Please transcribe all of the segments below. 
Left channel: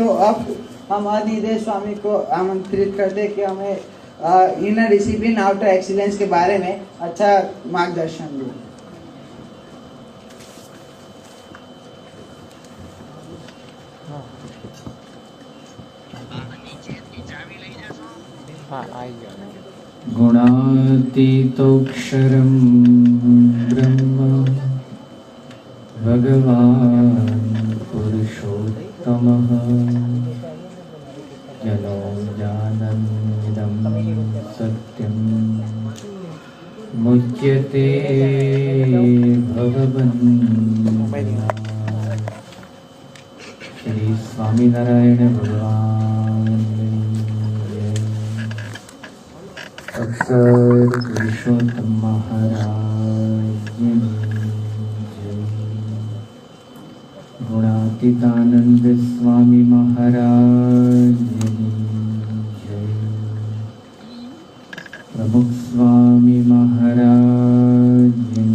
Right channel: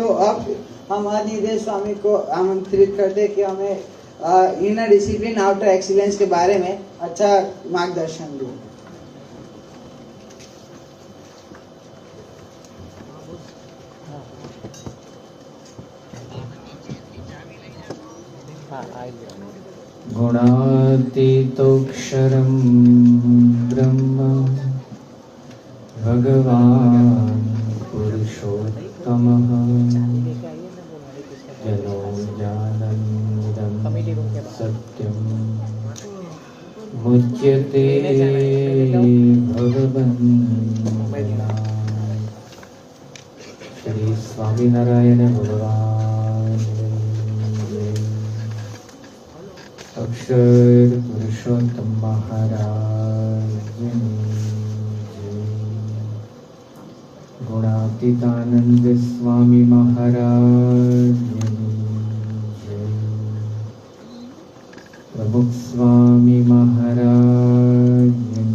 तो अब हम अनिदेव स्वामी को आमंत्रित करते कि हमें इनर डिसिप्लिन आउटर एक्सीलेंस के बारे में अच्छा मार्गदर्शन दो। गुणातीतोऽक्षरं ब्रह्म भगवान् पुरुषोत्तमः जनो जानन्निदं सत्यं मुच्यते भगवन्। श्री स्वामीनारायण भगवान अक्षर पुरुषोत्तम महाराज गुणातीतानंद स्वामी महाराज जय। प्रमुख स्वामी महाराज जय।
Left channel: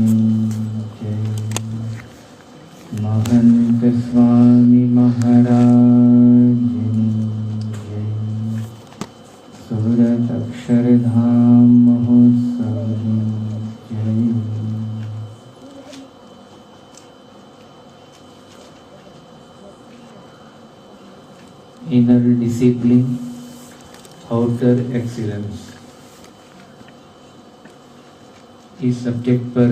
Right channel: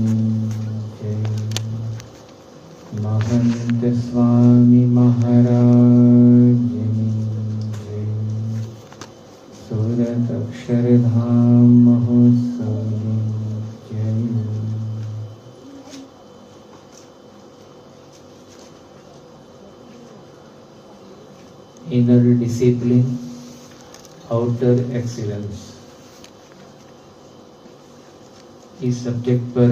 महंत स्वामी महाराज जय। सूरत अक्षरधाम महोत्सव जय। इनर डिसिप्लिन आउटर एक्सीलेंस, इस सब्जेक्ट पर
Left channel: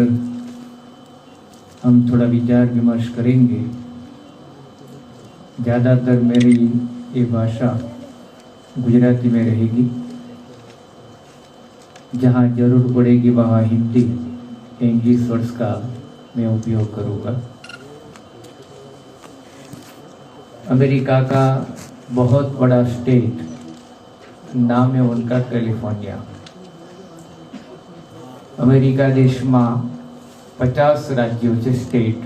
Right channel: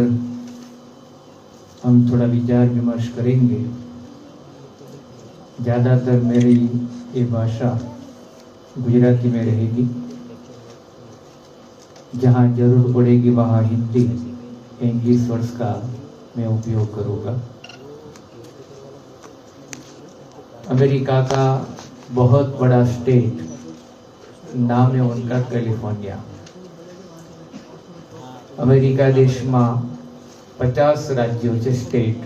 हम थोड़ा विचार विमर्श करेंगे। ज़्यादातर मेरी ये भाषा गुजराती में रहेगी, जहाँ जरूर पड़ेगी वहाँ हिंदी इंग्लिश वर्ड्स का मैं उपयोग करूँगा। अमेरिका का बहुत बड़ा स्टेट, नाम है उनका कैलिफोर्निया। अमेरिका देश में 50 राज्यों છે સ્ટેટ,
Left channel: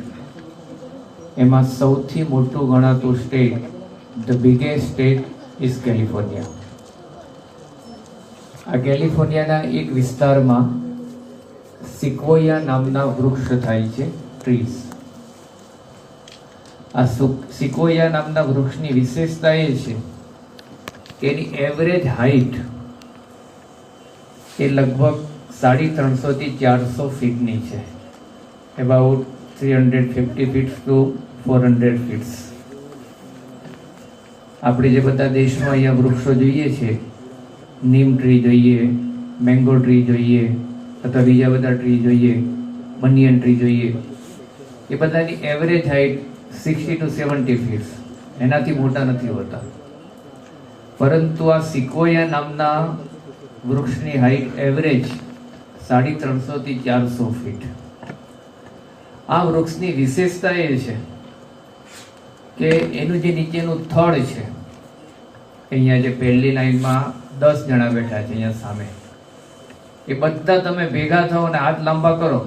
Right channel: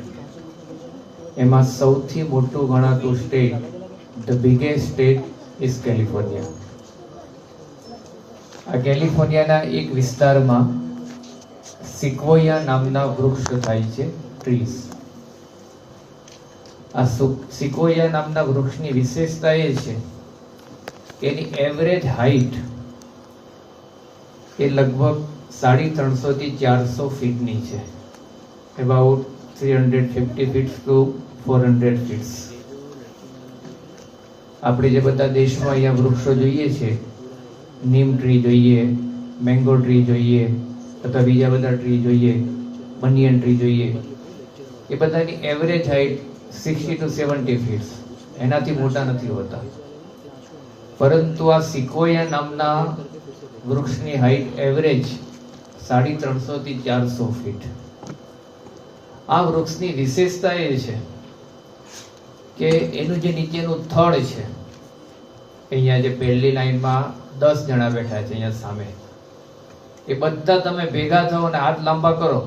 એમાં સૌથી મોટું ગણાતું state, the biggest state is California. આ કેલિફોર્નિયાના એક વિસ્તારમાં સિક્વોયા નામના વૃક્ષ થાય છે, ટ્રીઝ। આ સિક્વોયા નામના વૃક્ષની વિશેષતા એ છે કે એની એવરેજ હાઈટ એ લગભગ 350 થી 400 ફીટની છે, about 350 feet to 400 feet। આપણે જે બધા દેશમાં અહીંયા વૃક્ષો જોઈએ છે, નીમ ટ્રી જોઈએ, મેંગો ટ્રી જોઈએ, અથવા બીજા બધા ટ્રી જોઈએ, બનિયન ટ્રી જોઈએ, એ બધાની એવરેજ હાઈટ 60 to 70 feet, એનાથી મોટા નથી હોતા। પરંતુ આ સિક્વોયા નામના વૃક્ષની હાઈટ એવરેજ 350 થી 400 ફીટ। આ વૃક્ષની વિશેષતા એ છે કે એનું જે નીચેનું થડ છે, અહીંયા જે પહેલી લાઈનમાં 10 જણા બેઠા છે અહીંયા સામે, એ બધા તમે ભેગા થાઓ અને હાથ લાંબા કરો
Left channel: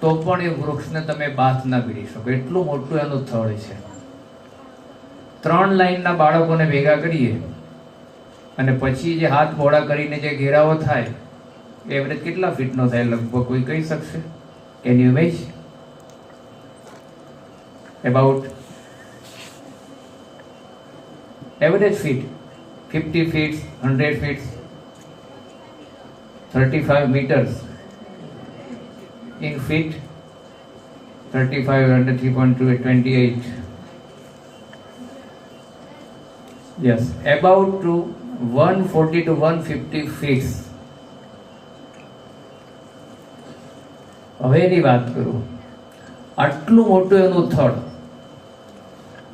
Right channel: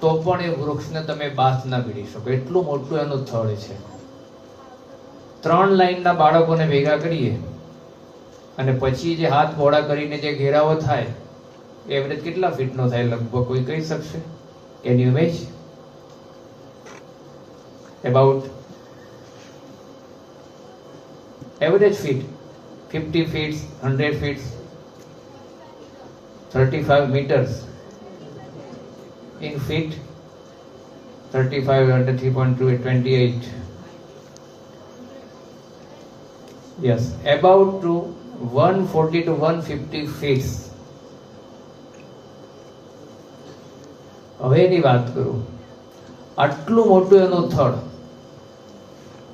તો પણ એ વૃક્ષને તમે બાથ ના પીડી શકો, એટલું મોટું એનું થડ છે। 3 લાઈનના બાળકોને ભેગા કરીએ અને પછી જે હાથ મોડા કરીને જે ઘેરાવો થાય, એવરેજ કેટલા ફીટનો થાય લગભગ કોઈ કહી શકશે? Can you image? About average feet 50 feet, 100 feet, 35 meters in feet, 35 under 3.2 28, yes, about to 140 to 150 feet। હવે એની વાત કરું, આટલું મોટું એનું થડ।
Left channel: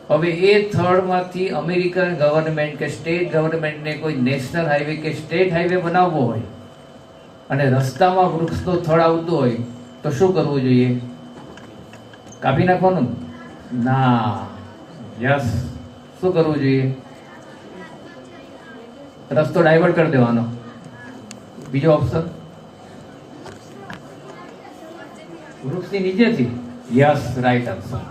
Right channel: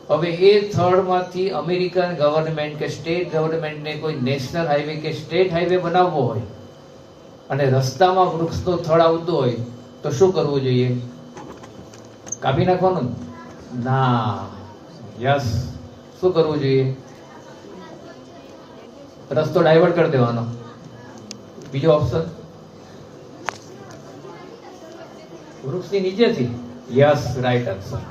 હવે એ થડમાંથી અમેરિકન ગવર્મેન્ટ કે સ્ટેટ ગવર્મેન્ટને કોઈ નેશનલ હાઈવે કે સ્ટેટ હાઈવે બનાવવો હોય અને રસ્તામાં વૃક્ષનું થડ આવતું હોય તો શું કરવું જોઈએ? કાપી નાખવાનું? ના, યસ, શું કરવું જોઈએ? રસ્તો ડાયવર્ટ કરી દેવાનો। બીજો ઓપ્શન વૃક્ષની નીચેથી, યસ, રાઈટ આન્સર,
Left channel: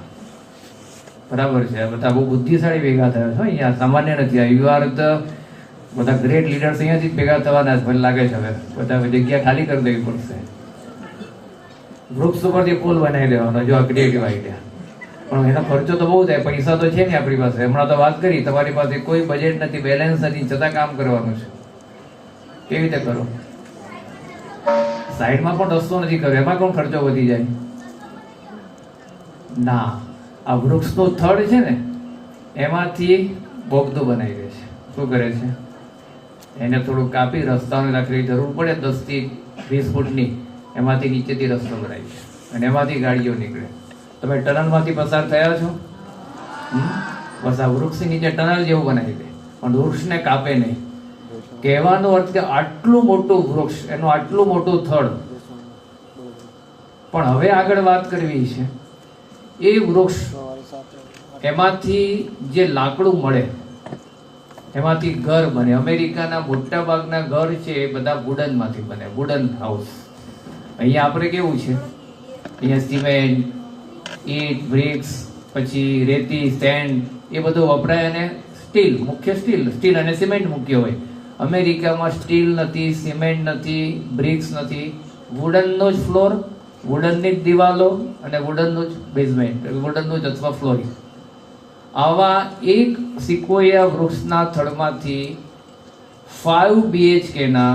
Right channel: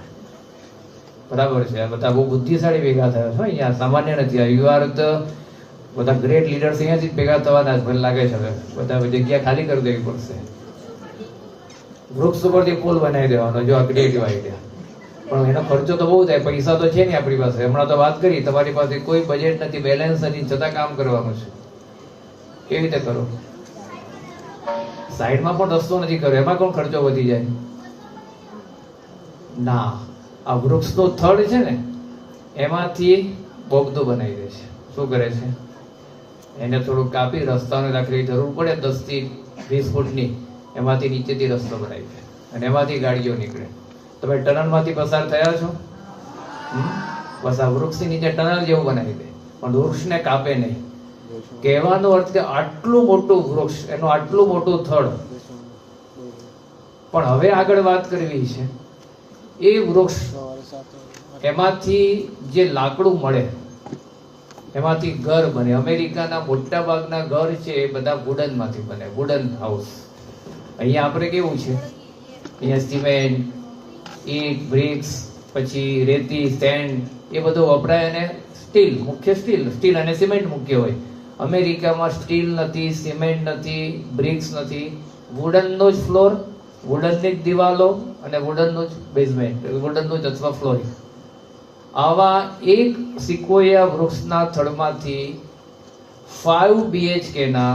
બરાબર છે। બધા બહુ બુદ્ધિશાળી ભેગા થયા છો અહીંયા, સામાન્ય નથી। યુ આર ધ બધા ગ્રેટ લીડર્સ અહીંયાથી જ ભેગા થવાના જ લાગે છે। હવે બધા જગ્યા ખાલી કરી દેવી પડશે, વૃક્ષ ઉપરથી પુલ બનાવી દેવાનો। જો આ ક્રિએટિવ આઈડિયા, પણ એનો ખર્ચો તો બહુ થાય, પૈસા તો છે ને આપણી પાસે. હમણાં તો વાત કરી, તમારી પાસે કોઈ બજેટ નથી, બેલેન્સ નથી, છતાં કામ કરવાનું છે. કેવી રીતે કરો? સાઈડમાં પણ રસ્તો નથી કર્યો, એમાં પણ ખર્ચો વધી જાય. ના, આ વૃક્ષનું થડ છે ને એમાંથી બોગદો બનાવી દે છે. શું કરે છે? એને થોડું કાપી રસ્તાને રાખવી જરૂર પડે 10 થી 20 ફૂટની, એમાંથી નીચેથી રસ્તો બનાવી છે અને એમાંથી ગાડીઓ નીકળે. તમે ટનલમાંથી પસાર થયા છો? બસ આ વૃક્ષની નીચે ટનલ જેવું બનાવી દે, પણ વૃક્ષને કાપે નહીં. કહેવાનો અર્થ કે આટલું મોટું વૃક્ષ, એનું આટલું મોટું થડ. પણ હવે આગળ વાત કરવી છે, એ વૃક્ષ એમાંથી જે લાકડું મળે એમાંથી ઘર બને. અમેરિકાના મોટા ભાગના ઘર છે એ બધા વુડન માંથી બને, વુડન હાઉસ. અહીંયા આપણે કેવું છે, અહીંયા સિમેન્ટ, ઈટ, બ્રિક્સ, પછી રેતી, સેન્ડ એ બધું વપરાય, અને સ્ટીલ, મુખ્ય સ્ટીલ અને સિમેન્ટ મુખ્ય હોય. અમેરિકામાં સ્ટીલ નથી, સિમેન્ટ નથી, બ્રિક્સ નથી, વુડનનો જ ફ્લોર, વુડનની જ દિવાલો અને વુડનનું જ બેઝમેન્ટ, વુડનનું જ અથવા ફ્લોરિંગ. આવા એક સિક્વોયા વૃક્ષના થડમાંથી 5 BHK ના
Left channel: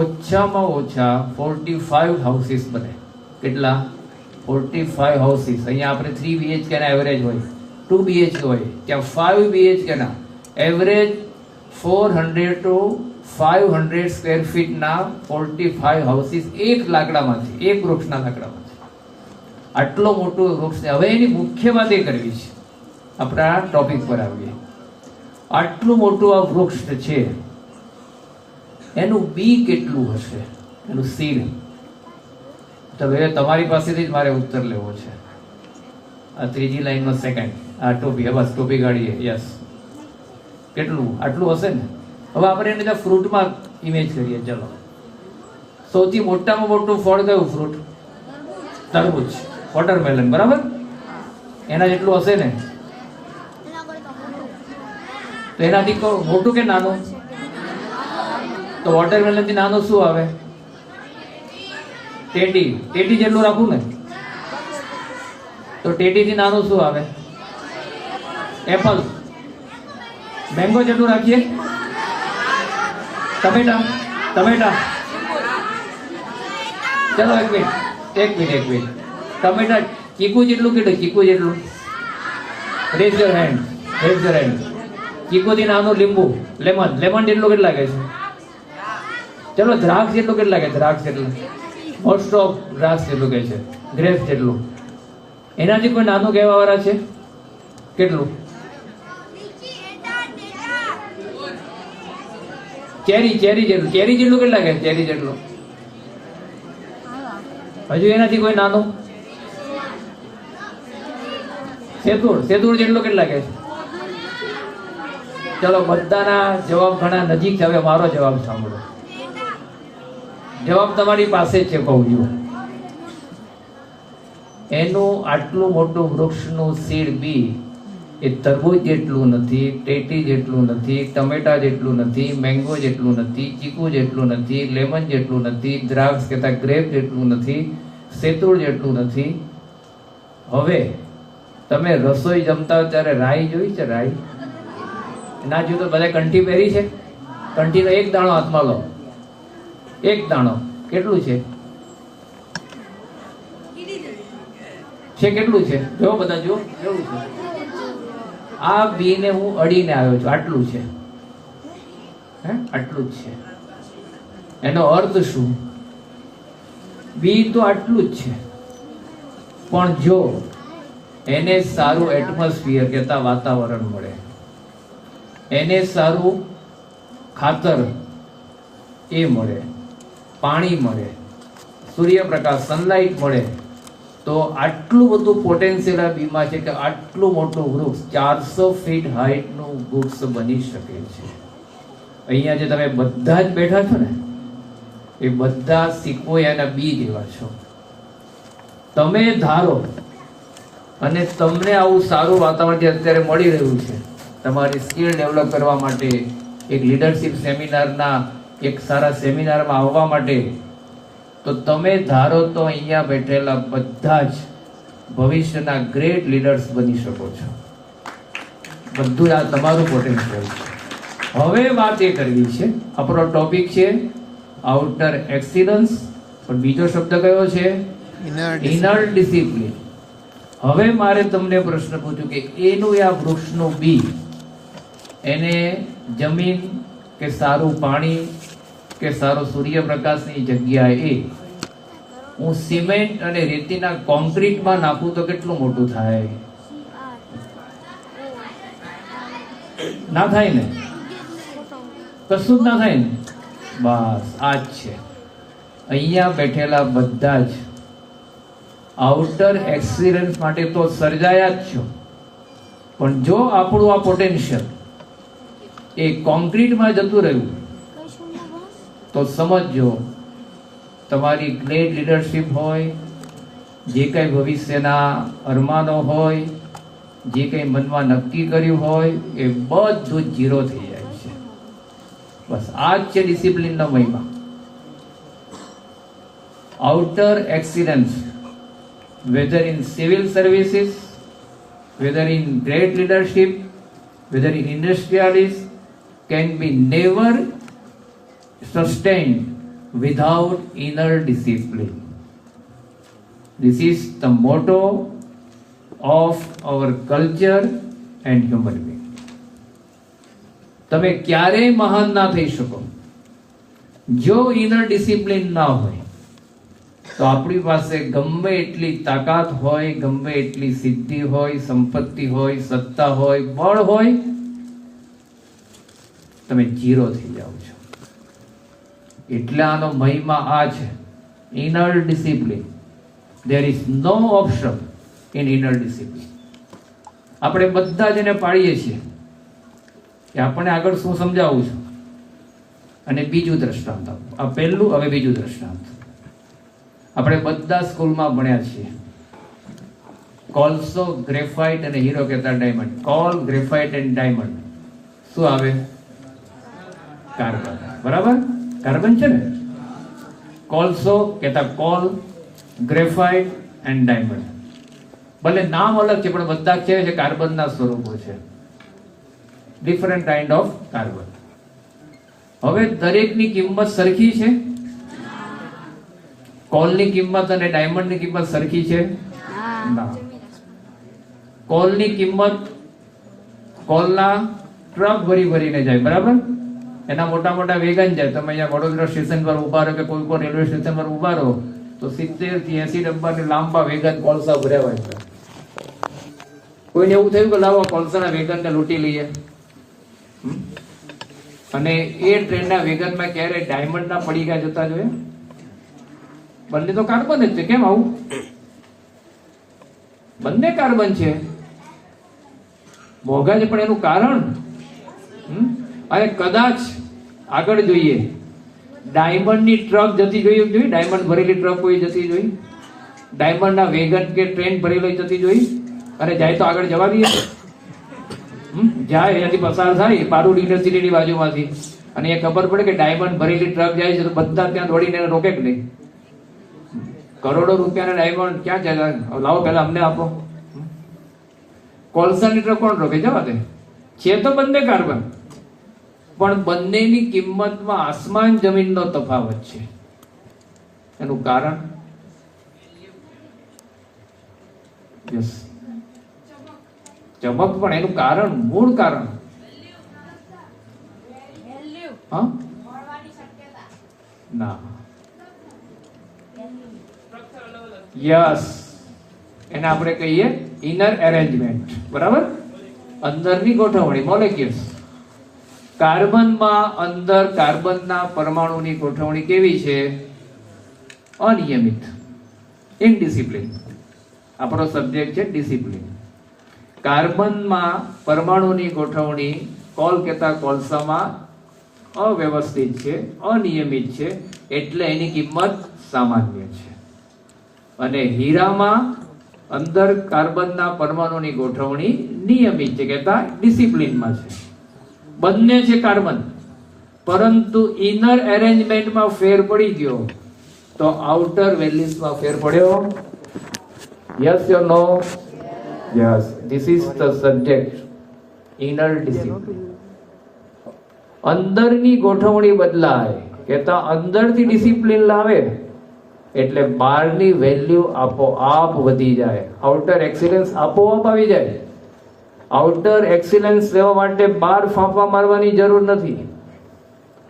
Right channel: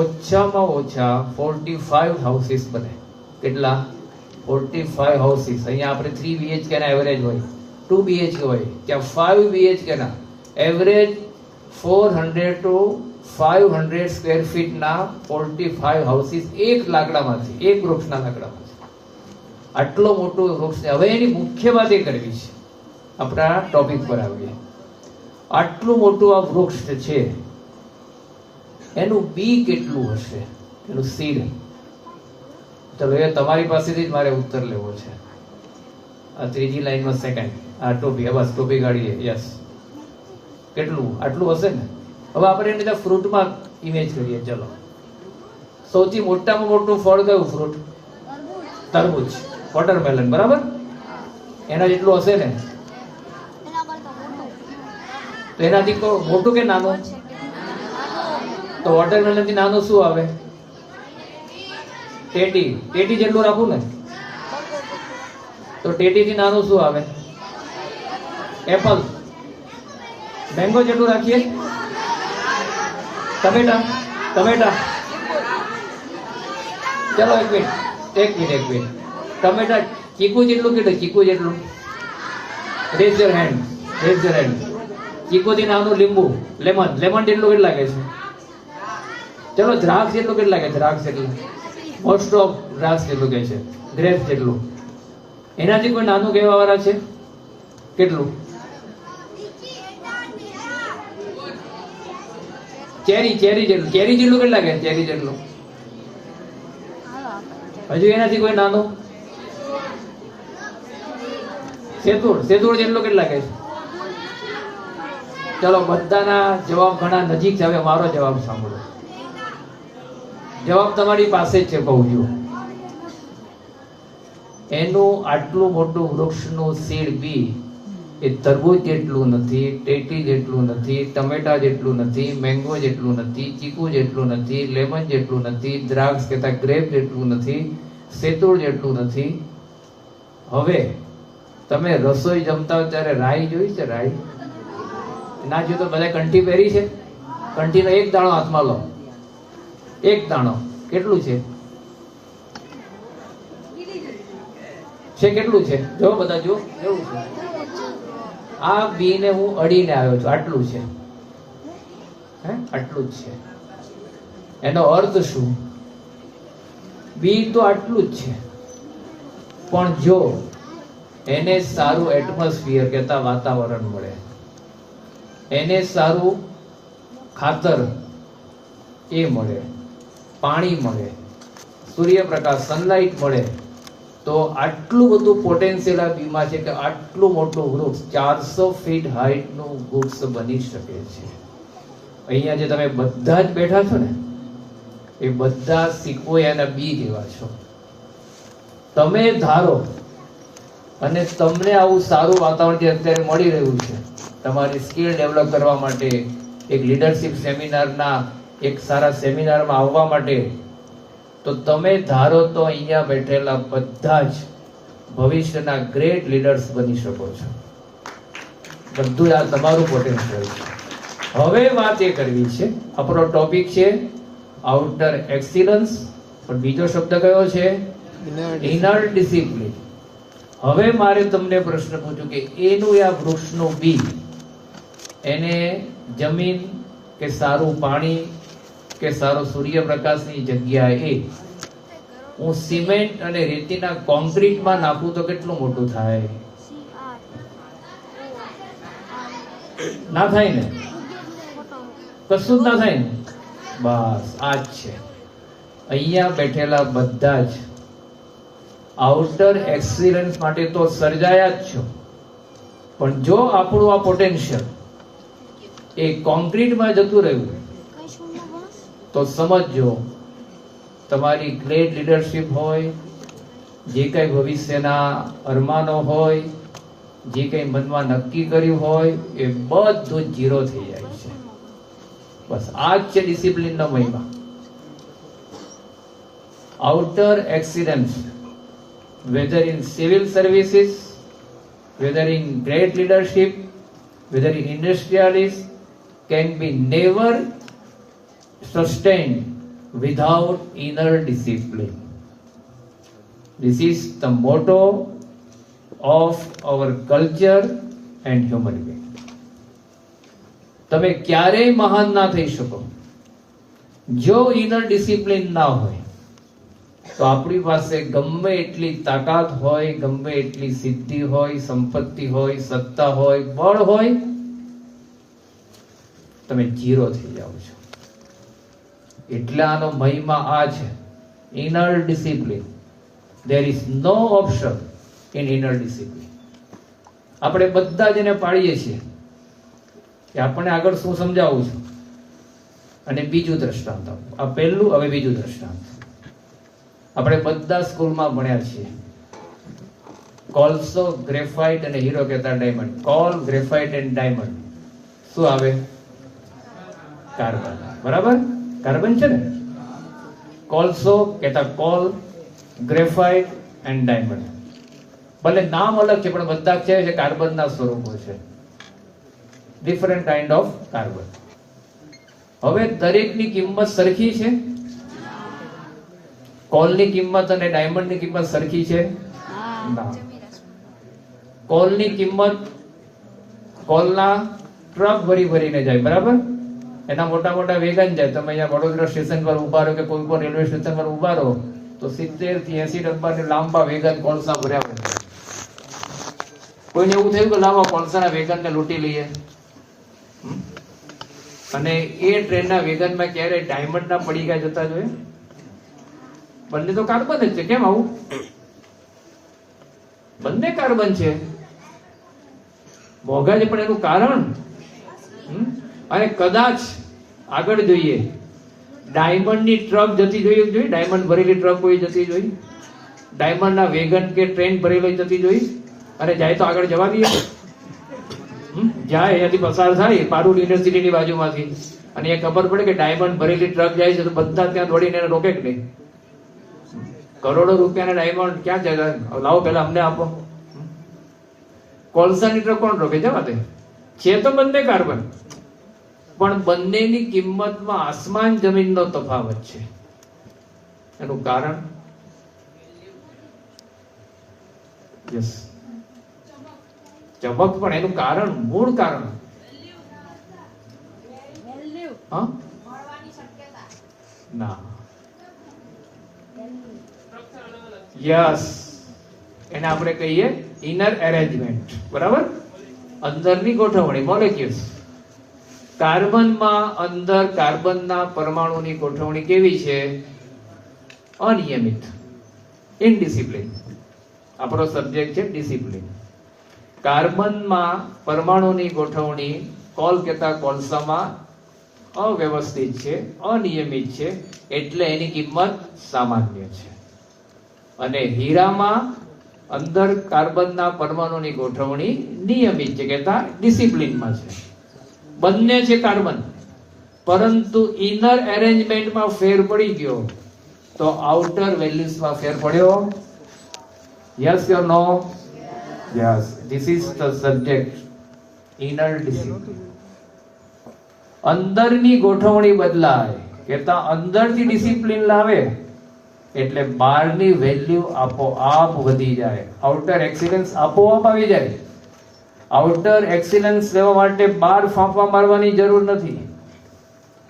ઓછામાં ઓછા 45 હાઉસીસ બને. કેટલા? 45 હાઉસીસ. અહીંયા આપણે 3 BHK ના એવરેજ હોય, 2 BHK હોય, ત્યાં 5 BHK ના એવરેજ 400 to 500 સ્ક્વેર ફીટ ના 45 હાઉસીસ એક લાકડામાંથી, એક વૃક્ષના લાકડામાંથી. આટલો મોટો વૃક્ષ છે. હવે એની મુખ્ય વાત એ કરવી છે, આપણા ટોપિક પર આવીએ. આટલું મોટું આ વૃક્ષ છે, એનું બી કેટલું હશે, એનું સીડ? તો હવે તમારી પાસેથી જ મારે ઉત્તર લેવો છે. આ ત્રીજી લાઈનમાં સેકન્ડ, આ ટોપી, બસ ટોપી ગાડીએ, યસ. કેટલું? આટલું હશે ને. હવે આપણે એને ફ્રૂટમાં ઇમેજ કરીએ. ચલો, સૌથી મોટામાં મોટું ફળ કયું ફ્રૂટ? તરબૂચ, વોટરમેલન, બરાબર? એના જેટલું હશે ને. તો એનાથી મોટું કે નાનું? તો વોટરમેલન થી નાનું શું આવે? ટેટી જેટલું રાખું ને, તો ટેટી થી નાનું શું આવે? એપલ. મેંગો જેટલું રાખીએ? ટમેટા. ચલો એક મિનિટ. ટમેટા ચીકુ જેટલું કેટલું? ચીકુ જેટલું? Rays your hand. ચીકુ થી નાનું લીંબુ, લેમન જેટલું કેટલું લાગે છે? ચલો દ્રાક્ષ જેટલું કેટલું લાગે? દ્રાક્ષ જેટલું, મોસ્ટ ઓફ દ્રાક્ષ જેટલું કે છે, ગ્રેપ્સ જેટલું. એનાથી કોઈ નાનું કહેવા વાળા છે? કેટલું? ચેરી જેટલું કેટલું લાગે? ચેરી જેટલું. હજુ એનાથી કોઈ નાનું? સેતુર જેટલું કેટલું લાગે છે? ચલો, બધાના જવાબ ઘણા નજીક છે. હવે મારો જવાબ સાંભળો. જવાબ તમારી પાસે છે, કહું છું. એનું આટલું મોટું વૃક્ષનું સીડ બી એ તરબૂચ જેટલું નથી, ટેટી જેટલું નથી, ટમેટા જેટલું નથી, મેંગો જેટલું નથી, ચીકુ જેટલું નથી, લેમન જેટલું નથી, દ્રાક્ષ કહેતા ગ્રેપ જેટલું નથી, સેતુર જેટલું નથી. હવે તમે રસોઈ જમતા હો ત્યારે રાઈ જોઈ છે? રાઈ ના જો તો બધા કંઠી પહેરી છે? કંઠીનો એક દાણો હાથમાં લો, એક દાણો. કેટલું છે? કેટલું છે? જો બધા જુઓ, કેવું છે? આ બી ને હું અડીને આવ્યો છું, આટલું છે. આટલું જ છે. એનો અર્થ શું? બી તો આટલું જ છે, પણ જો એને સારું એટમોસ્ફિયર કહેતા વાતાવરણ મળે, એને સારું ખાતર એ મળે, પાણી મળે, સૂર્યપ્રકાશ, સનલાઇટ મળે, તો આટલું બધું પોટેન્શિયલ આ બીમાં છે કે આટલું મોટું વૃક્ષ 400 ફીટ હાઈટનું વૃક્ષ બની શકે છે. અહીંયા જે તમે બધા જ બેઠા છો ને, એ બધા સિક્વોયાના બી જેવા છો. તમે ધારો અને તમને આવું સારું વાતાવરણ જે અત્યારે મળી રહ્યું છે, તમારી સ્કિલ ડેવલપ કરવા માટે, એક લીડરશિપ સેમિનારના એક સારા સેમિનારમાં આવવા માટે, તો તમે ધારો તો અહીંયા બેઠેલા બધા જ ભવિષ્યના ગ્રેટ લીડર્સ બની શકો છો. બધું આ તમારું પોટેન્શિયલ છે. હવે વાત એ કરવી છે, આપણો ટોપિક છે આઉટર એક્સિલન્સ, પણ બીજો શબ્દ કયો છે? Inner discipline. હવે મારે તમને પ્રશ્ન પૂછું કે એનું આ વૃક્ષનું બી, એને જમીન કે સારું પાણી કે સારો સૂર્યપ્રકાશની જગ્યાએ હું સિમેન્ટ અને રેતીના કોન્ક્રીટમાં નાખું તો કેટલું મોટું થાય? ના થાય ને? કશું જ ના થાય ને? બસ આ જ છે. અહીંયા બેઠેલા બધા જ આઉટર એક્સિલન્સ માટે તો સર્જાયા જ છો, પણ જો આપણું આ પોટેન્શિયલ એ કોન્ક્રીટમાં જતું રહ્યું તો સમજો તમારી ગ્રેટ લીડરશિપ હોય, જે કંઈ ભવિષ્યના અરમાનો હોય, જે કંઈ મનમાં નક્કી કર્યું હોય, એ બધું જ ઝીરો થઈ જાય છે. બસ આ જ છે ડિસિપ્લિનનો મહિમા. Outer excellence, whether in civil services, whether in great leadership, whether in industrialists, can be never sustained without inner discipline. This is the motto of our culture and human being. તમે ક્યારેય મહાન ના થઈ શકો જો ઇનર ડિસિપ્લિન ના હોય. તો આપણી પાસે ગમે એટલી તાકાત હોય, ગમે એટલી સિદ્ધિ હોય, સંપત્તિ હોય, સત્તા હોય, બળ હોય, તમે ઝીરો થઈ જાઓ છો. એટલે આનો મહિમા આ છે, inner discipline. There is no option in inner discipline. આપણે બધા જ એને પાડીએ છીએ કે આપણે આગળ શું સમજાવું છું. અને બીજું દ્રષ્ટાંત આપું. આ પહેલું, હવે બીજું દ્રષ્ટાંત. આપણે બધા સ્કૂલમાં ભણ્યા છીએ. કોલસો, ગ્રેફાઇટ અને હીરો કહેતા diamond. Call, graphite and diamond શું આવે? કાર્બન. બરાબર? કાર્બન છે ને? કોલસો કહેતા કોલ, ગ્રેફાઇટ એન્ડ ડાયમંડ. ભલે નામ અલગ છે પણ બધા છે કાર્બનના સ્વરૂપો છે. Different kind of carbon. હવે દરેકની કિંમત સરખી છે? કોલની કિંમત અને ડાયમંડની કિંમત સરખી છે? ના. કોલની કિંમત, કોલના ટ્રક ભરીને જાય, બરાબર? એના મોટા મોટા વેગન જાય. તમે અહીંયા વડોદરા સ્ટેશન પર ઉભા રહો કે કોઈ પણ રેલવે સ્ટેશન પર ઉભા રહો તો 70 થી 80 ડબ્બાની લાંબા વેગન કોલસા ભર્યા હોય. કોઈને એવું થયું કે લાવો કોલસાના વેગનને લૂંટી લઈએ, અને એ ટ્રેનના વેગનમાં ક્યારે ડાયમંડના પડીકા જતા જોઈએ? બંને તો કાર્બન જ છે. કેમ આવું? બંને કાર્બન છે, મોંઘા છે, પણ એનું કારણ અને કદાચ આગળ જોઈએ, ડાયમંડની ટ્રક જતી જોઈએ, ડાયમંડ ભરેલી ટ્રક કોઈ જતી જોઈ, ડાયમંડના વેગન કે ટ્રેન ભરેલી જતી જોઈ, અને જાય તો આગળ જવા દઈએ? જાય એનાથી પસાર થાય પારુલ યુનિવર્સિટીની બાજુમાંથી, અને એ ખબર પડે કે ડાયમંડ ભરેલી ટ્રક જાય છે તો બધા ત્યાં દોડીને રોકે કે નહીં? કરોડો રૂપિયાના ડાયમંડ ક્યાં જાય? લાવો પેલા અમને આપો. કોલસાની ટ્રક કોણ રોકે? જવા દે. છે તો બંને કાર્બન, પણ બંનેની કિંમતમાં આસમાન જમીનનો તફાવત છે. એનું કારણ યસ ચમક, પણ એનું કારણ, મૂળ કારણ ના. યસ, એને આપણે કહીએ ઇનર એરેન્જમેન્ટ. બરાબર? અંદરની ગોઠવણી, મોલેક્યુલ્સ. કાર્બનમાં અંદર કાર્બનના પરમાણુની ગોઠવણી કેવી છે? અનિયમિત, ઇનડિસિપ્લિન. આપણો સબ્જેક્ટ છે ડિસિપ્લિન. કાર્બનમાં પરમાણુની ગોઠવણી કોલ કહેતા કોલસામાં અવ્યવસ્થિત છે, અનિયમિત છે, એટલે એની કિંમત સામાન્ય છે. અને હીરામાં અંદર કાર્બનના પરમાણુની ગોઠવણી નિયમિત છે, કહેતા ડિસિપ્લિનમાં છે. બંને છે કાર્બન, પરંતુ ઇનર એરેન્જમેન્ટમાં ફેર પડી ગયો તો આઉટર વેલ્યુઝમાં ફેર પડ્યો Yes or no? Yes. This is the subject. Inner discipline. અંદરની ગોઠવણી બદલાય, કેતા અંદરથી ડિસિપ્લિન લાવે એટલે બહારની વેલ્યુ આપોઆપ વધી જાય. આઉટર એક્સિલન્સ આપોઆપ આવી જાય. આઉટર એક્સિલન્સ લેવા માટે બહાર ફાંફા મારવાની જરૂર નથી,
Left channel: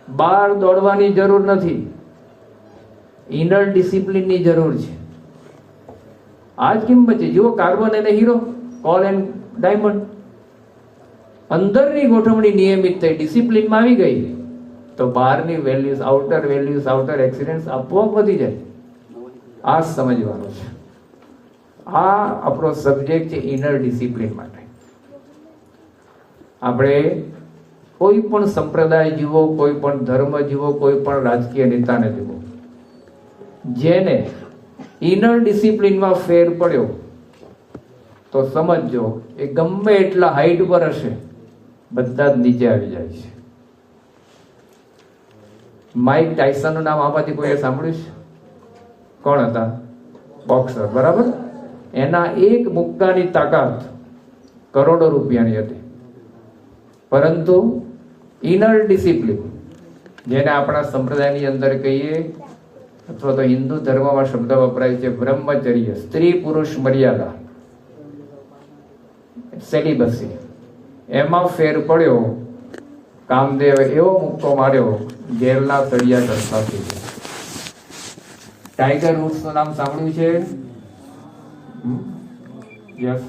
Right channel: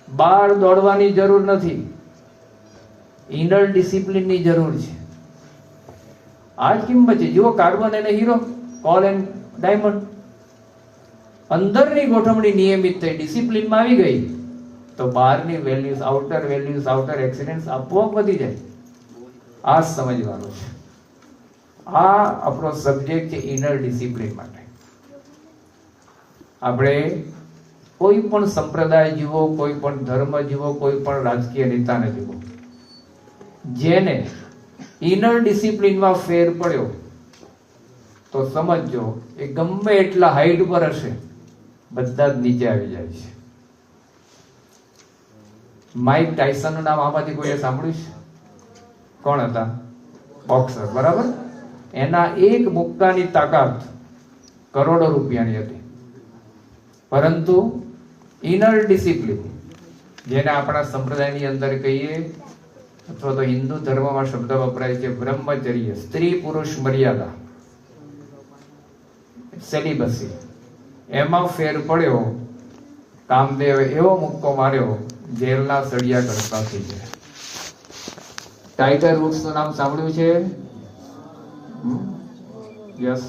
બહાર દોડવાની જરૂર નથી. ઇનર ડિસિપ્લિનની જરૂર છે. આ જ કિંમત છે. જુઓ કાર્બન અને હીરો, કોલ એન્ડ ડાયમંડ. અંદરની ગોઠવણી નિયમિત થઈ, ડિસિપ્લિનમાં આવી ગઈ તો બહારની વેલ્યુઝ, આઉટર એક્સિલન્સ આપોઆપ વધી જાય. આ સમજવાનું છે. આ આપણો સબ્જેક્ટ છે ઇનર ડિસિપ્લિન માટે. આપણે કોઈ પણ સંપ્રદાય જુઓ, કોઈ પણ ધર્મ જુઓ, કોઈ પણ રાજકીય નેતાને જુઓ, જેને ઇનર ડિસિપ્લિનમાં ફેર પડ્યો તો સમજો એ ગમે એટલા હાઈટ પર હશે, બધા જ નીચે આવી જાય છે. માઇક ટાયસન નું નામ આમાંથી કોઈએ સાંભળ્યું છે? કોણ હતા? બોક્સર, બરાબર. એના એક મુક્કાની તાકાત કરોડો રૂપિયાની હતી. પરંતુ ઇનર ડિસિપ્લિન, જેને આપણા સંપ્રદાયની અંદર કહીએ અથવા તો હિન્દુ ધર્મમાં શબ્દ વપરાય છે બ્રહ્મચર્ય, સ્ત્રી પુરુષ મર્યાદા, સેલિબસી, એમાં ફેર પડ્યો. કામદેવ એવો મુક્કો માર્યો, જેલના સળિયા કરતા થઈ ગયા. ટાઈગર વુડ્સ નું નામ સાંભળ્યું છે? યસ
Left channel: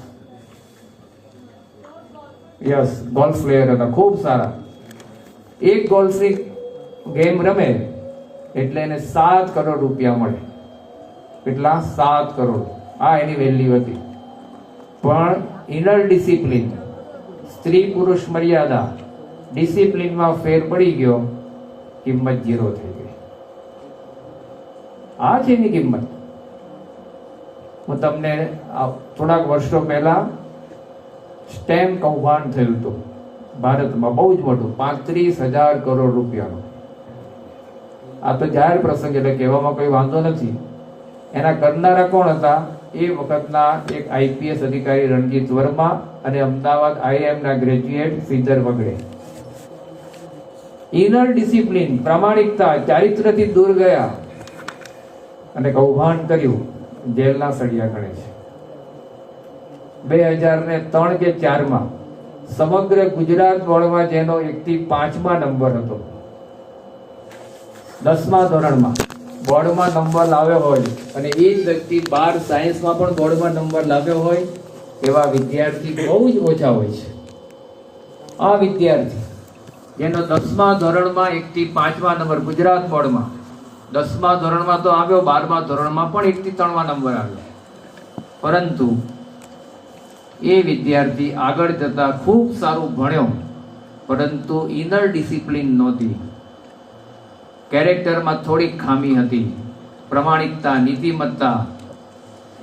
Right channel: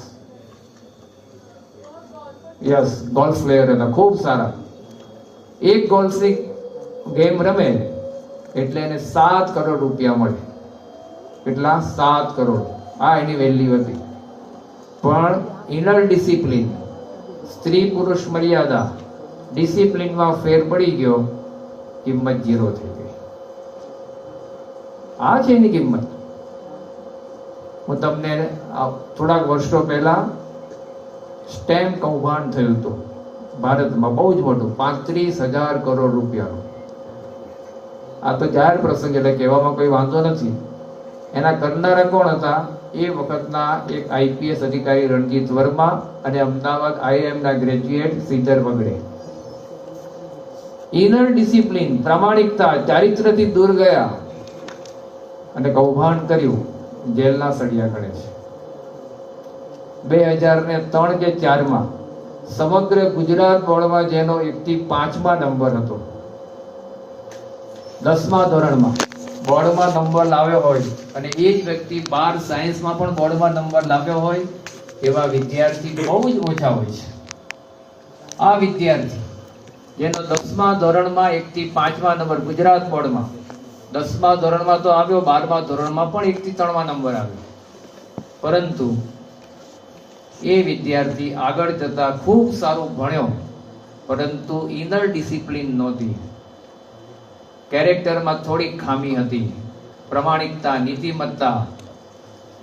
યસ, ગોલ્ફ પ્લેયર હતા, ખૂબ સારા. એક ગોલ્ફની ગેમ રમે એટલે એને 7 કરોડ રૂપિયા મળે. કેટલા? 7 કરોડ. આ એની વેલ્યુ હતી. પણ ઇનર ડિસિપ્લિન, સ્ત્રી પુરુષ મર્યાદા, ડિસિપ્લિનમાં ફેર પડી ગયો, કિંમત 0 થઈ ગઈ. આ છે એની કિંમત. હું તમને થોડાક વર્ષો પહેલા સ્ટેમ કૌભાંડ થયું હતું ભારતમાં, બહુ જ મોટું, 35,000 કરોડ રૂપિયાનું. આ તો જાહેર પ્રસંગ એટલે કહેવામાં કોઈ વાંધો નથી. એના કરનારા કોણ હતા? એ વખતના એક આઈપીએસ અધિકારી રણજીત વર્મા અને અમદાવાદ IIM ના ગ્રેજ્યુએટ શ્રીધર વગડે. ઇનર ડિસિપ્લિન, પ્રામાણિકતા, ચારિત્રથી દૂર ગયા અને કૌભાંડ કર્યું, જેલના સળિયા ગણે છે. 2003 કે 4 સમગ્ર ગુજરાત બોર્ડમાં જેનો 1 થી 5મા નંબર હતો, 10મા ધોરણમાં બોર્ડમાં નંબર લાવ્યો હોય અને એ જ વ્યક્તિ 12 સાયન્સમાં પણ બોર્ડમાં નંબર લાવ્યો હોય, એવા વિદ્યાર્થી બહુ જ ઓછા હોય છે. આ વિદ્યાર્થી જેનો 10મા ધોરણમાં 1 થી 5મા નંબર ગુજરાત બોર્ડમાં, 10મા ધોરણમાં તો આવ્યો, 12મા ધોરણમાં પણ 1 થી 3મા નંબર આવ્યો, પરંતુ એ વિદ્યાર્થી આગળ જતા ખૂબ સારું ભણ્યો, પરંતુ ઇનર ડિસિપ્લિન નહોતી. કેરેક્ટરમાં થોડીક ખામી હતી, પ્રમાણિકતા, નીતિમત્તા,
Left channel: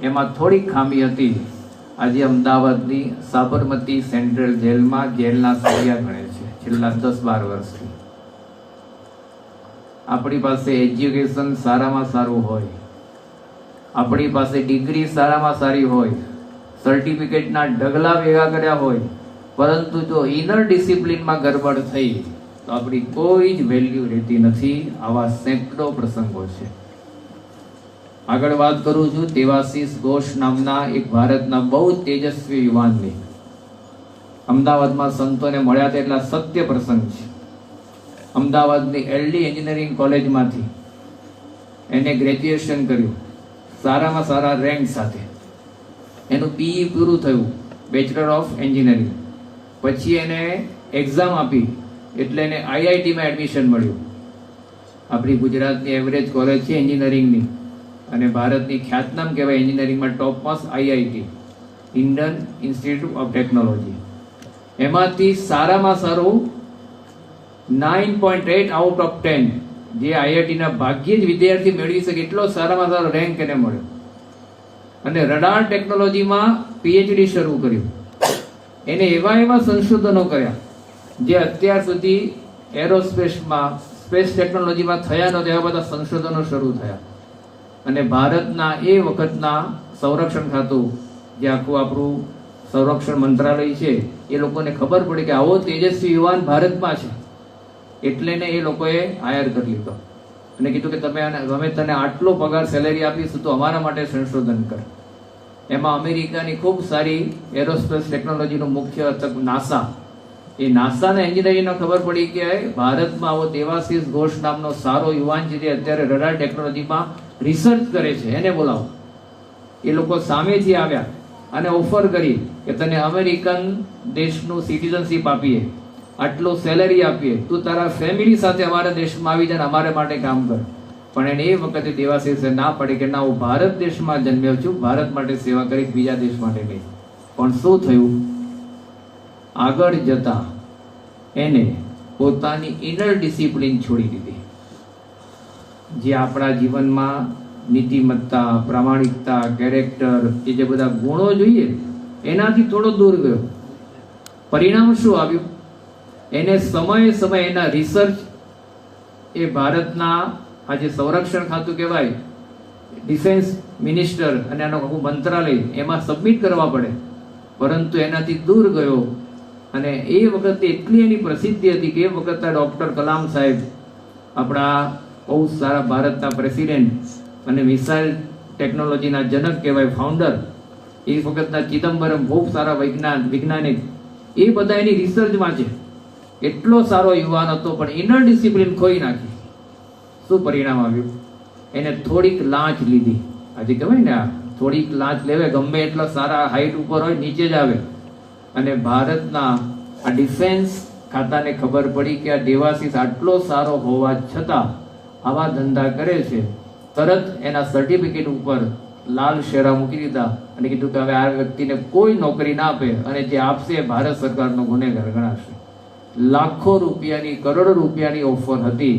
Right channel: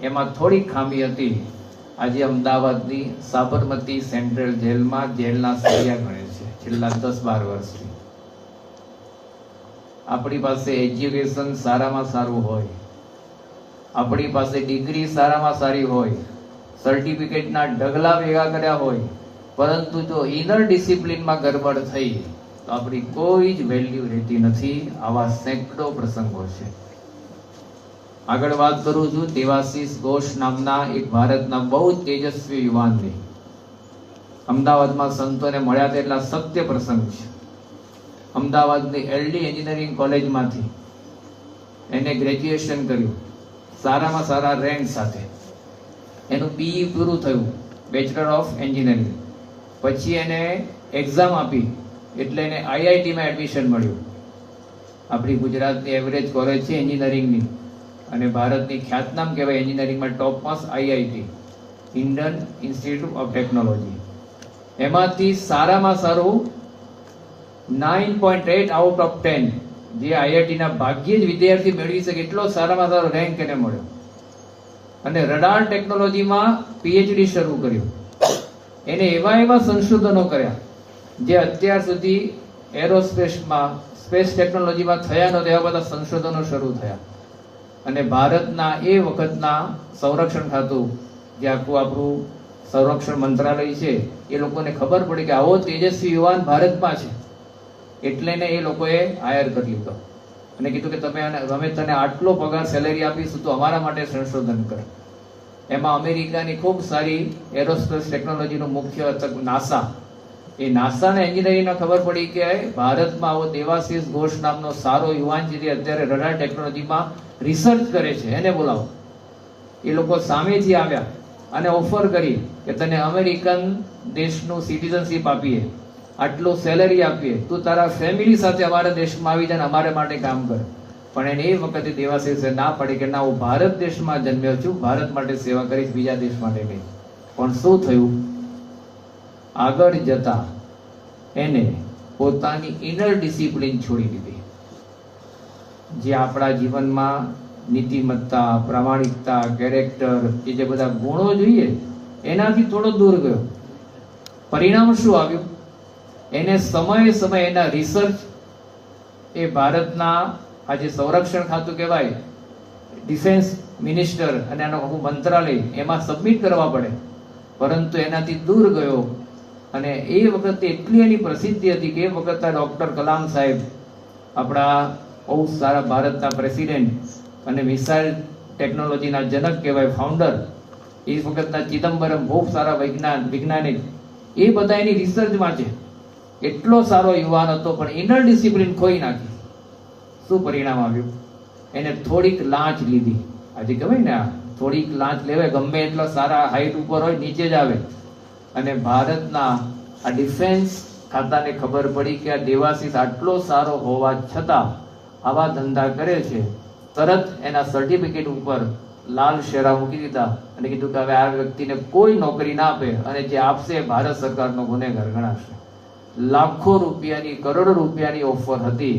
એમાં થોડીક ખામી હતી. આજે અમદાવાદની સાબરમતી સેન્ટ્રલ જેલમાં જેલના સળિયા ગણે છે છેલ્લા 10-12 વર્ષથી. આપણી પાસે એજ્યુકેશન સારામાં સારું હોય, આપણી પાસે ડિગ્રી સારામાં સારી હોય, સર્ટિફિકેટના ઢગલા ભેગા કર્યા હોય, પરંતુ જો ઇનર ડિસિપ્લિનમાં ગરબડ થઈ તો આપણી કોઈ જ વેલ્યુ રહેતી નથી. આવા સેંકડો પ્રસંગો છે. આગળ વાત કરું છું દેવાશીષ ઘોષ નામના એક ભારતના બહુ તેજસ્વી યુવાનની. અમદાવાદમાં સંતોને મળ્યા હતા, એટલા સત્ય પ્રસંગ છે. અમદાવાદની LD એન્જિનિયરિંગ કોલેજમાંથી એને ગ્રેજ્યુએશન કર્યું, સારામાં સારા રેન્ક સાથે. એનું PE પૂરું થયું, બેચલર ઓફ એન્જિનિયરિંગ. પછી એને એક્ઝામ આપી એટલે એને IIT માં એડમિશન મળ્યું. આપણી ગુજરાતની એવરેજ કોલેજ છે એન્જિનિયરિંગની, અને ભારતની ખ્યાતનામ કહેવાય એન્જિનિયરિંગમાં topmost IIT, Indian institute of technology. એમાંથી સારામાં સારું 9.8 આઉટ ઓફ 10, જે IIT ના ભાગ્યે જ વિદ્યાર્થી મેળવી શકે એટલો સારામાં સારો રેન્ક એને મળ્યો. અને રડાર ટેકનોલોજીમાં PhD શરૂ કર્યું. એને એવા સંશોધનો કર્યા જે અત્યાર સુધી એરોસ્પેસમાં, સ્પેસ ટેકનોલોજીમાં થયા નહોતા, એવા બધા સંશોધનો શરૂ થયા. અને ભારતના એ વખતના સંરક્ષણ ખાતું, જે આખું આપણું સંરક્ષણ મંત્રાલય છે, એ લોકોને ખબર પડી કે આવો તેજસ્વી યુવાન ભારતમાં છે, એટલે ને એ લોકોએ હાયર કરી લીધો અને કીધું કે અમે તને આટલો પગાર સેલેરી આપીશું તો અમારા માટે સંશોધન કર. એમાં અમેરિકાની ખૂબ સારી એરોસ્પેસ ટેકનોલોજીનું મુખ્ય નાસા, એ નાસાના એન્જિનિયરિંગને ખબર પડી કે ભારતમાં આવો દેવાશીષ ઘોષ નામનો સારો યુવાન છે જે અત્યારે રડાર ટેકનોલોજીમાં રિસર્ચ કરે છે, એને બોલાવો. એ લોકો સામેથી આવ્યા અને ઓફર કરી કે તને અમેરિકન દેશનું સિટીઝનશીપ આપીએ, આટલો સેલરી આપીએ, તું તારા ફેમિલી સાથે અમારા દેશમાં આવી જાય, અમારે માટે કામ કર. પણ એને એ વખતે દેવાશીષે ના પડી કે ના, હું ભારત દેશમાં જન્મ્યો છું, ભારત માટે સેવા કરીશ, બીજા દેશ માટે નહીં. પણ શું થયું? આગળ જતા એને પોતાની ઇનર ડિસિપ્લિન છોડી દીધી, જે આપણા જીવનમાં નીતિમત્તા, પ્રામાણિકતા, કેરેક્ટર, એ જે બધા ગુણો જોઈએ એનાથી થોડો દૂર ગયો. પરિણામ શું આવ્યું? એને સમયે સમયે એના રિસર્ચ, એ ભારતના આજે સંરક્ષણ ખાતું કહેવાય, ડિફેન્સ મિનિસ્ટર અને એનું આખું મંત્રાલય, એમાં સબમિટ કરવા પડે, પરંતુ એનાથી દૂર ગયો. અને એ વખતે એટલી એની પ્રસિદ્ધિ હતી કે એ વખતે ડોક્ટર કલામ સાહેબ, આપણા બહુ સારા ભારતના પ્રેસિડેન્ટ અને મિસાઇલ ટેકનોલોજીના જનક કહેવાય, ફાઉન્ડર, એ વખતના ચિદમ્બરમ, બહુ સારા વૈજ્ઞાનિક, એ બધા એની રિસર્ચમાં છે. એટલો સારો યુવાન હતો, પણ ઇનર ડિસિપ્લિન ખોઈ નાખી. શું પરિણામ આવ્યું? એને થોડીક લાંચ લીધી. આજે કહેવાય ને, થોડીક લાંચ લેવાય, ગમે એટલો સારા હાઈટ ઉપર હોય નીચે જ આવે. અને ભારતના આ ડિફેન્સ ખાતાને ખબર પડી કે આ દેવાશીષ આટલો સારો હોવા છતાં આવા ધંધા કરે છે. તરત એના સર્ટિફિકેટ ઉપર લાલ શેરા મૂકી દીધા અને કીધું કે હવે આ વ્યક્તિને કોઈ નોકરી ના આપે, અને જે આપશે ભારત સરકારનો ગુનેગાર ગણાશે. લાખો રૂપિયાની, કરોડો રૂપિયાની ઓફર હતી,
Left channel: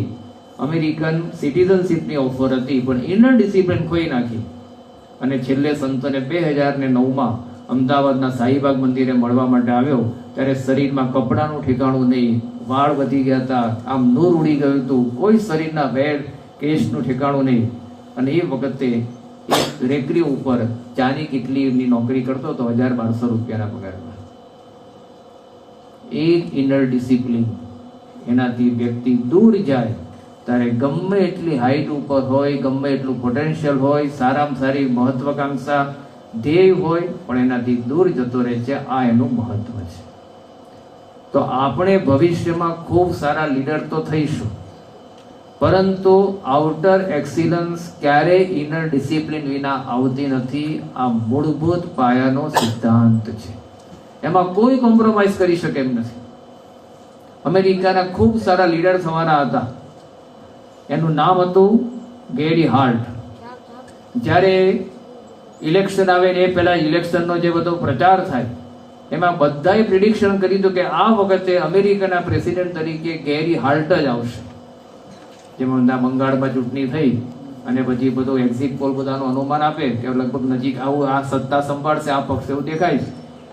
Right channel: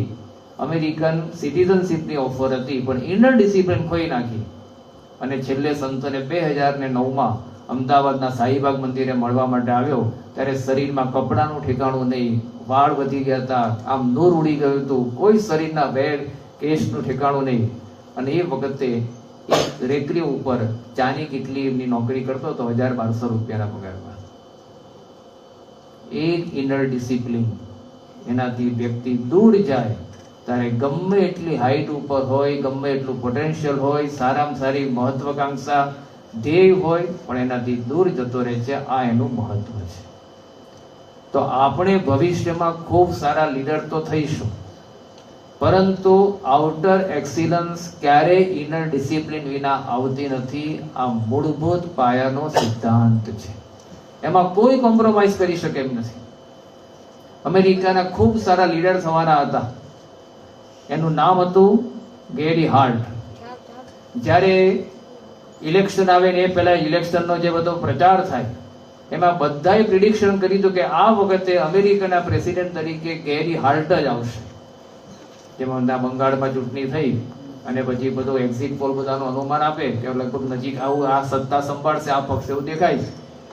અમેરિકન સિટીઝનશીપની ઓફર હતી, પણ ઇનર ડિસિપ્લિન ખોઈ નાખી. અને છેલ્લે સંતોને 2009માં અમદાવાદના શાહીબાગ મંદિરે મળવા માટે આવ્યો, ત્યારે શરીરમાં કપડાનું ઠેકાણું નહીં, વાળ વધી ગયા હતા, આમ નૂર ઉડી ગયું હતું, કોઈ શરીરના વેડ કેશનું ઠેકાણું નહીં. અને એ વખતે એક રેકડી ઉપર ચાની કિટલીની નોકરી કરતો હતો, 1200 રૂપિયાના પગારમાં. એક ઇનર ડિસિપ્લિન, એનાથી વ્યક્તિ દૂર જાય. ત્યારે ગમે એટલી હાઈટ ઉપર હોય, ગમે એટલું પોટેન્શિયલ હોય, સારામાં સારી મહત્વાકાંક્ષા, ધ્યેય હોય, પણ એનાથી દૂર જતો રહે છે. આ એનું મહત્વ છે. તો આપણે ભવિષ્યમાં ખૂબ સારા લીડર તો થઈશું, પરંતુ આઉટર એક્સિલન્સ ક્યારેય ઇનર ડિસિપ્લિન વિના આવતી નથી. આ મૂળભૂત પાયાનો સિદ્ધાંત છે, એમાં કોઈ કોમ્પ્રોમાઇઝ કરી શકે એમ નથી. અમેરિકાના ખૂબ સારા લીડર થવાના હતા, એનું નામ હતું ગેરી હાર્ટ. જ્યારે ઇલેક્શન આવે ને એ પહેલા ઇલેક્શનનો જે બધો પ્રચાર થાય, એમાં બધાએ પ્રિડિક્શન કર્યું હતું કે આ વખતે અમેરિકાના પ્રેસિડેન્ટ તરીકે ગેરી હાર્ટ જ આવશે. જેમાં બંગાળમાં ચૂંટણી થઈ અને પછી બધું એક્ઝિટ પોલ બધાનું અનુમાન આપે કે લગભગ નજીક આવું આ સત્તા સંભાળશે આ પક્ષ, એવું દેખાય છે.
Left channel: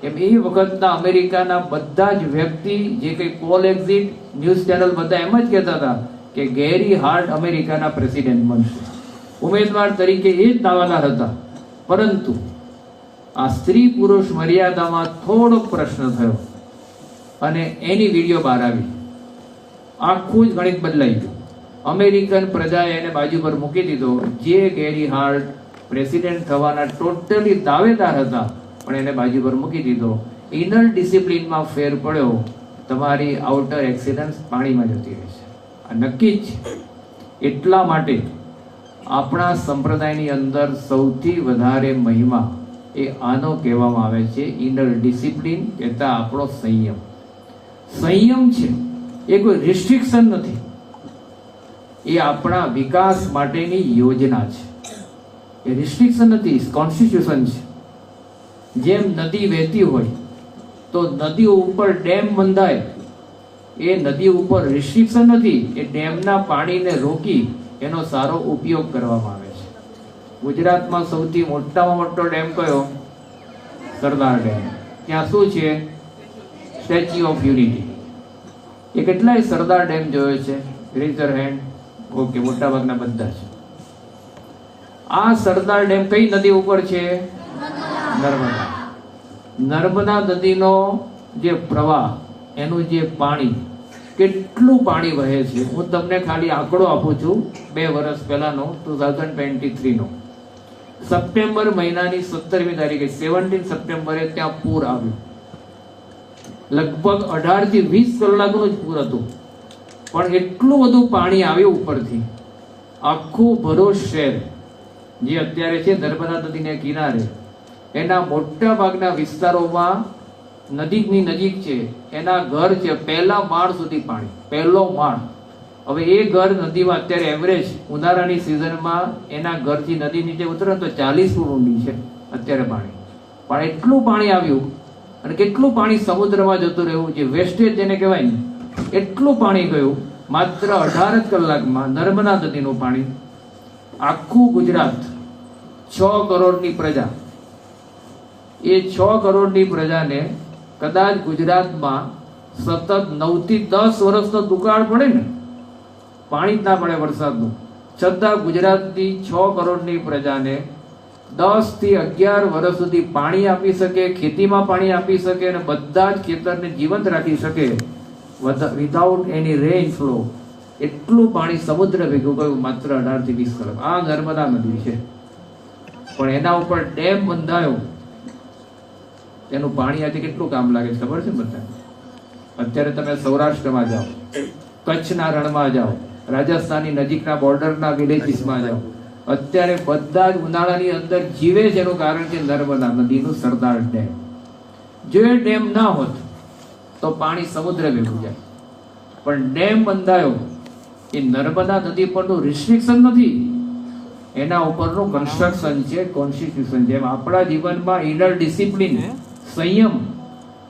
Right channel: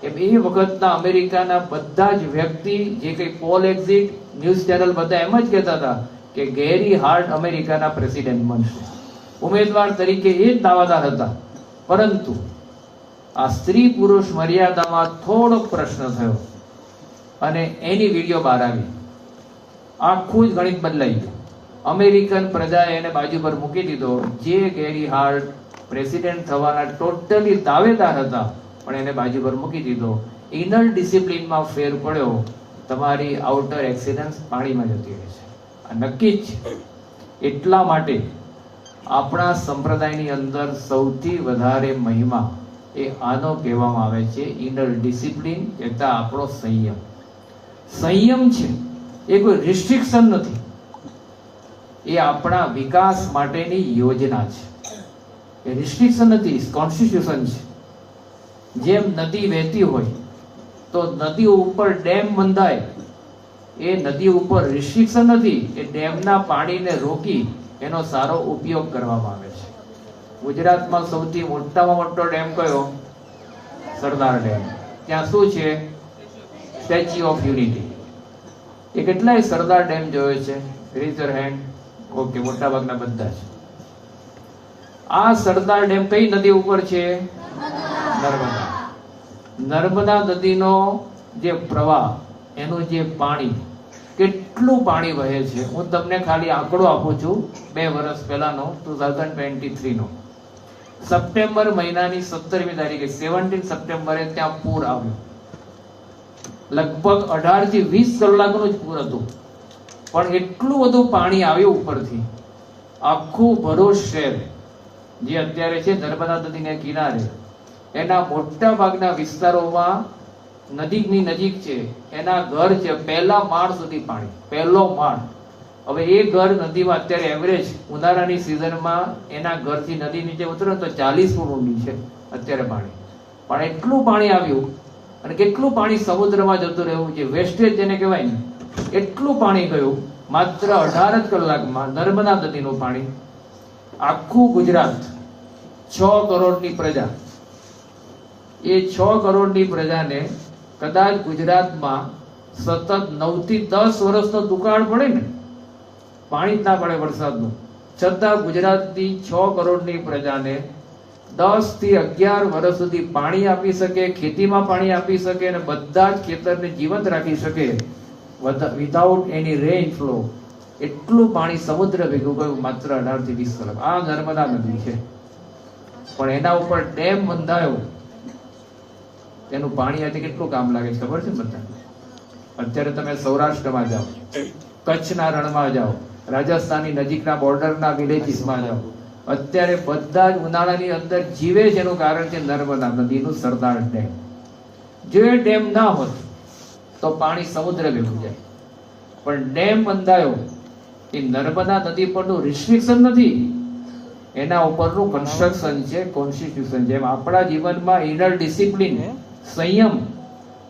એમ એ વખતના અમેરિકાના બધા જ વ્યક્તિ, જે કંઈ પોલ, એક્ઝિટ, ન્યૂઝ ચેનલ, બધા એમ જ કહેતા હતા કે ગેરી હાર્ટ અમેરિકાના પ્રેસિડેન્ટ બનશે. ઉમેદવાર તરીકે એ જ દાવાદાર હતા. પરંતુ આ સ્ત્રી પુરુષ મર્યાદામાં થોડોક પ્રશ્ન થયો અને એની વિડીયો બહાર આવી. આખું જ ગણિત બદલાઈ ગયું. અમેરિકન પ્રજાએ એને બાજુ પર મૂકી દીધો. જે ગેરી હાર્ટ પ્રેસિડેન્ટ થવાના ટોટલી દાવેદાર હતા, પણ એને બાજુ પર મૂકી દીધો. ઇનર ડિસિપ્લિનમાં ફેર પડ્યો, તમારી આઉટર એક્સિલન્સ પાણીમાં જતી રહેશે. આ નક્કી જ. એટલા માટે આપણા સંપ્રદાયની અંદર સૌથી વધારે મહિમા એ આનો કહેવામાં આવે છે, ઇનર ડિસિપ્લિન કહેતા આપણો સંયમ. સંયમ છે એ કોઈ રિસ્ટ્રિક્શન નથી, એ આપણા વિકાસ માટેની યોજના છે. એ રિસ્ટ્રિક્શન નથી, કોન્સ્ટિટ્યુશન છે. જેમ નદી વહેતી હોય તો નદી ઉપર ડેમ બંધાય, એ નદી ઉપર રિસ્ટ્રિક્શન નથી, એ ડેમના પાણીને રોકી એનો સારો ઉપયોગ કરવામાં આવે છે. ગુજરાતમાં સૌથી મોટામાં મોટો ડેમ કયો? સરદાર ડેમ. ત્યાં શું છે? Statue of unity. એ કેટલાય સરદાર ડેમ જોયો છે? Rays your hand. ઓકે, મોટાભાગના બધા છે. આ સરદાર ડેમ કઈ નદી ઉપર છે? નર્મદા. નર્મદા નદીનો જે પ્રવાહ, એનું જે પાણી, કેટલું પાણી વહે છે, હું તમને ખાલી આંકડો આપું છું. 2 વર્ષ પહેલાનો 2023 નો સપ્ટેમ્બર મહિનાની 17મી તારીખે 17 સપ્ટેમ્બરે ત્યાં પૂર આવ્યું. લગભગ 18 થી 20 કલાકનું જ પૂર હતું, પણ એટલું બધું પાણી આવ્યું ઉપરથી. આખું ભરૂચ શહેર જે અત્યારે છે નર્મદા નદીને કિનારે, એના મોટા ભાગના વિસ્તારોમાં નદીની નજીક છે, એના ઘર છે પહેલા માળ સુધી પાણી, પહેલો માળ. હવે એ ઘર નદીમાં અત્યારે એવરેજ ઉનાળાની સિઝનમાં એના ઘરથી નદી નીચે ઉતરે તો 40 ફૂટ ઊંડી છે અત્યારે પાણી. પણ એટલું પાણી આવ્યું, અને કેટલું પાણી સમુદ્રમાં જતું રહ્યું, જે વેસ્ટેજ જેને કહેવાય ને, એટલું પાણી ગયું માત્ર 18 જ કલાકમાં. નર્મદા નદીનું પાણી આખું ગુજરાત, 6 કરોડની પ્રજા, એ 6 કરોડની પ્રજાને કદાચ ગુજરાતમાં સતત 9 થી 10 વર્ષનો દુકાળ પડે ને, પાણી જ ના પડે વરસાદનું, છતાં ગુજરાતની 6 કરોડની પ્રજાને 10 થી 11 વર્ષ સુધી પાણી આપી શકે, ખેતીમાં પાણી આપી શકે, અને બધા જ ખેતરને જીવંત રાખી શકે વિધાઉટ એની રેઇન ફ્લો. એટલું પાણી સમુદ્ર ભેગું ગયું માત્ર 18 થી 20 કલાક. આ નર્મદા નદી છે, પણ એના ઉપર ડેમ બંધાયો. એનું પાણી આજે કેટલું કામ લાગે છે ખબર છે બધા? અત્યારે તમે સૌરાષ્ટ્રમાં જાઓ, કચ્છના રણમાં જાઓ, રાજસ્થાનની નજીકના બોર્ડરના વિલેજીસમાં જાઓ, અત્યારે બધા જ ઉનાળાની અંદર જીવે છે. એનું કારણ છે નર્મદા નદીનું સરદાર ડેમ. જો એ ડેમ ના હોત તો પાણી સમુદ્ર ભેગું જાય. પણ ડેમ બંધાયો, એ નર્મદા નદી પરનું રિસ્ટ્રિક્શન નથી, એના ઉપરનું કન્સ્ટ્રક્શન છે, કોન્સ્ટિટ્યુશન. જેમ આપણા જીવનમાં ઇનર ડિસિપ્લિન, સંયમ,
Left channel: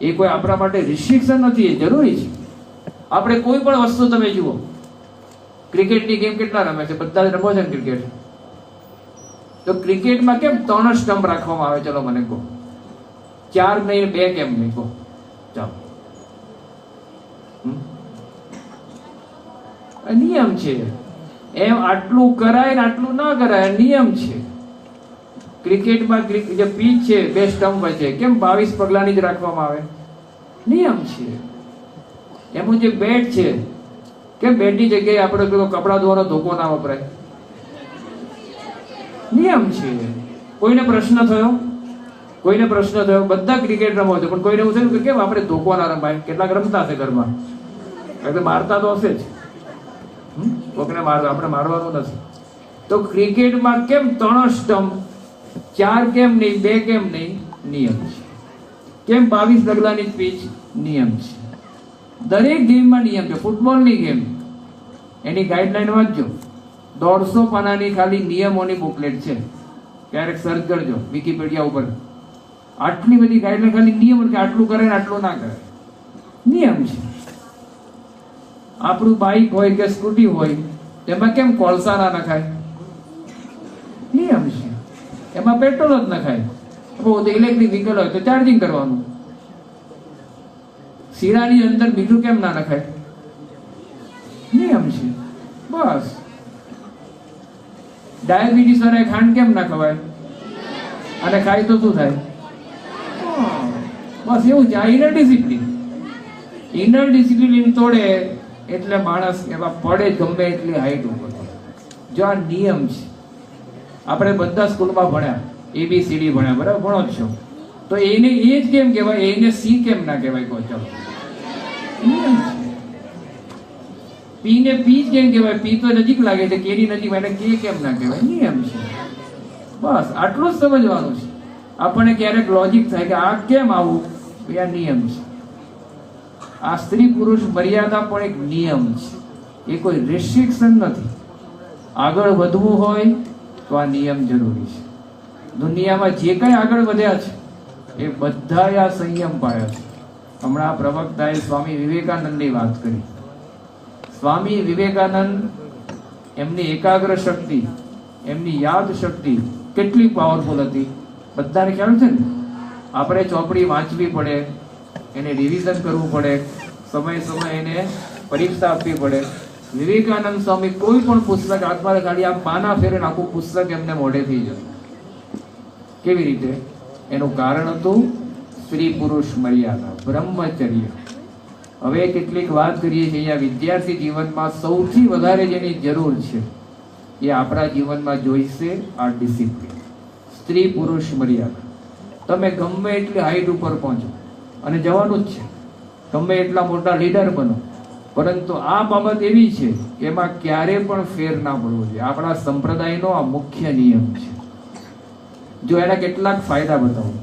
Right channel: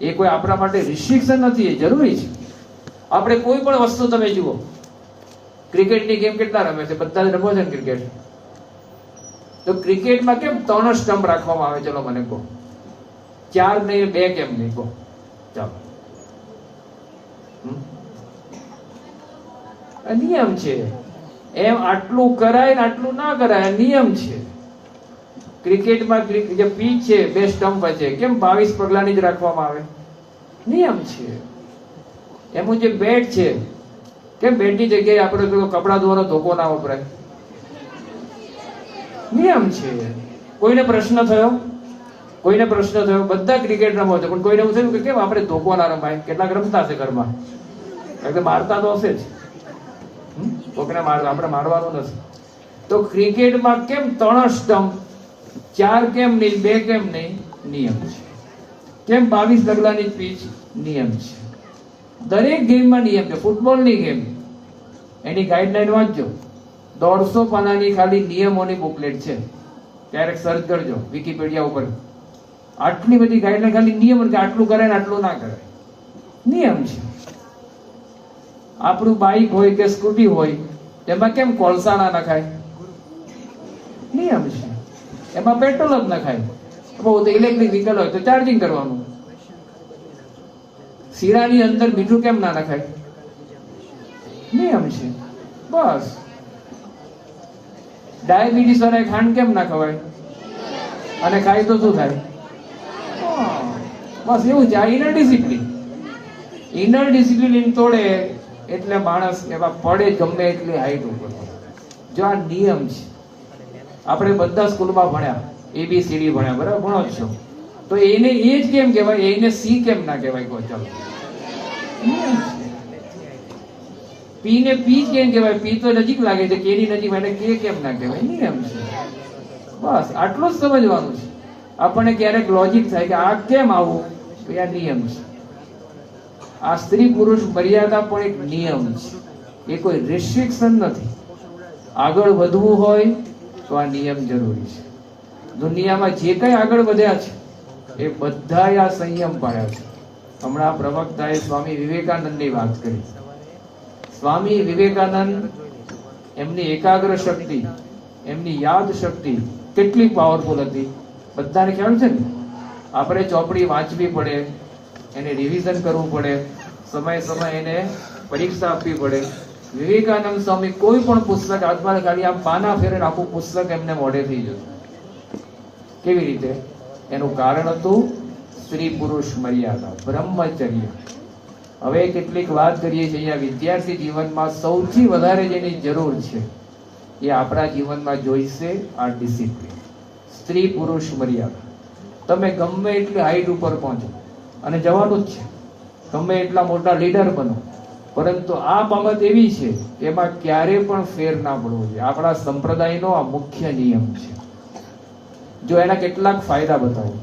એ કોઈ આપણા માટે રિસ્ટ્રિક્શન નથી, એ જરૂરી છે. આપણે કોઈ પણ વસ્તુ તમે જુઓ, ક્રિકેટની ગેમ કેટલા રમે છે? બધા જ રમો છે ક્રિકેટ. તો ક્રિકેટમાં કેમ 3 સ્ટમ્પ રાખવામાં આવે? ચલો મને કહો. 4 ને 2 કેમ નહીં? કહો ચાલો. નિયમ છે. એમ આટલું કરાય ને આટલું ના કરાય, નિયમ છે. ક્રિકેટમાં જે પીચ છે 2 સ્ટમ્પ છે, કેમ 22 પગલાની જ રાખવામાં આવે? નિયમ છે. એનું જે બેટ છે, કેમ બેટની જગ્યાએ આપણે કપડા ધોવાનો ધોકો ના વપરાય? નિયમ છે. કોઈને પ્રશ્ન થયો? કોઈને પ્રશ્ન થયો? બધા ક્રિકેટ રમો છો, પણ કોઈને એવું થયું કે કેમ આપણે ધોકો ના રમાય? કેટલાક રમતા હશે ઘરમાં, એટલે મારતા તો હશે જ. કોકને આપણે મારવાનું નથી. તો ક્રિકેટમાં કેમ 3 સ્ટમ્પ, 4 કેમ નહીં, 2 કેમ નહીં? નિયમ છે. કેમ 22 ડગલાની પીચ? નિયમ છે. દરેક ગેમમાં નિયમ છે. ફૂટબોલની ગેમ, એની ગાઈડલાઈન વાંચજો. 150 પાનાની ખાલી નિયમોની બુકલેટ છે. ક્યારેક સર્ચ કરજો વિકિપીડિયા ઉપર. આટલી બધી ગાઈડલાઈન, ખાલી નિયમ કે આટલું કરે ને આટલું ના કરે. નિયમ છે. આપણું બાઇક હોય કે સ્કૂટી હોય, એમાં કેમ કોલસા ના નખાય? નિયમ છે. એમાં પેટ્રોલ જ નખાય. બહુ ઇલેક્ટ્રિક વ્હીકલ હોય તો ચાર્જિંગ કરવાનું. શીરાની અંદર મીઠું કેમ ના નખાય? નિયમ છે. બસ. ડાયાબિટીસ વાળા ખાંડ કેમ ના ખવાય? અને ખાય તો શું થાય? બસ એવું છે. આ ઇનર ડિસિપ્લિન. ઇનર ડિસિપ્લિન તોડે એટલે માણસ એમાં પડે ગમે એટલી હાઈટ ઉપર. જો આ નિયમ છે. આપણે બધા સ્કૂલમાં ભણ્યા, ABCD ભણ્યા, બરાબર? ભણો જ છો. તો એને એ જ કેમ કહેવાય? એને સી કેમ ના કહેવાય? કહો ચાલો. પી ને પી જ કેમ કહેવાય? પી તો નજીક લાગે છે, કેની નજીક, એને કે કેમ ના કહેવાય? નિયમ છે. બસ આટલું જ સમજવાનું છે. આપણને ક્યારેક લોજિક થાય કે આ કેમ આવું? આ નિયમ છે. આ સ્ત્રી પુરુષ મર્યાદા પણ એક નિયમ છે, એ કોઈ રિસ્ટ્રિક્શન નથી. આગળ વધવું હોય તો આ નિયમ જરૂરી છે. દુનિયામાં જે કંઈ આગળ વધ્યા છે એ બધા આ સંયમ પાડ્યા છે. હમણાં પ્રવક્તાએ સ્વામી વિવેકાનંદની વાત કરી. સ્વામી વિવેકાનંદ, એમની એકાગ્ર શક્તિ, એમની યાદ શક્તિ કેટલી પાવરફુલ હતી બધાને ખ્યાલ છે ને? આપણે ચોપડી વાંચવી પડે, એને રિવિઝન કરવું પડે, સમય એને પરીક્ષા આપવી પડે, વિવેકાનંદ સ્વામી કોઈ પણ પુસ્તક હાથમાં કાઢી આમ પાના ફેરે ને આખું પુસ્તક એમને મોઢે થઈ જતું. કેવી રીતે? એનું કારણ હતું સ્ત્રી પુરુષ મર્યાદા, બ્રહ્મચર્ય. હવે કેટલીક વાત કરીએ છીએ, આ વિદ્યાર્થી જીવનમાં સૌથી વધારે જેની જરૂર છે એ આપણા જીવનમાં જોઈશે આ ડિસિપ્લિન, સ્ત્રી પુરુષ મર્યાદા. તમે ગમે એટલી હાઈટ ઉપર પહોંચો અને જવાનું જ છે, ગમે એટલા મોટા લીડર બનો, પરંતુ આ બાબત એવી છે કે એમાં ક્યારે પણ ફેર ના પડવો જોઈએ. આપણા સંપ્રદાયનો આ મુખ્ય નિયમ છે. જો એના કેટલાક ફાયદા બતાવું.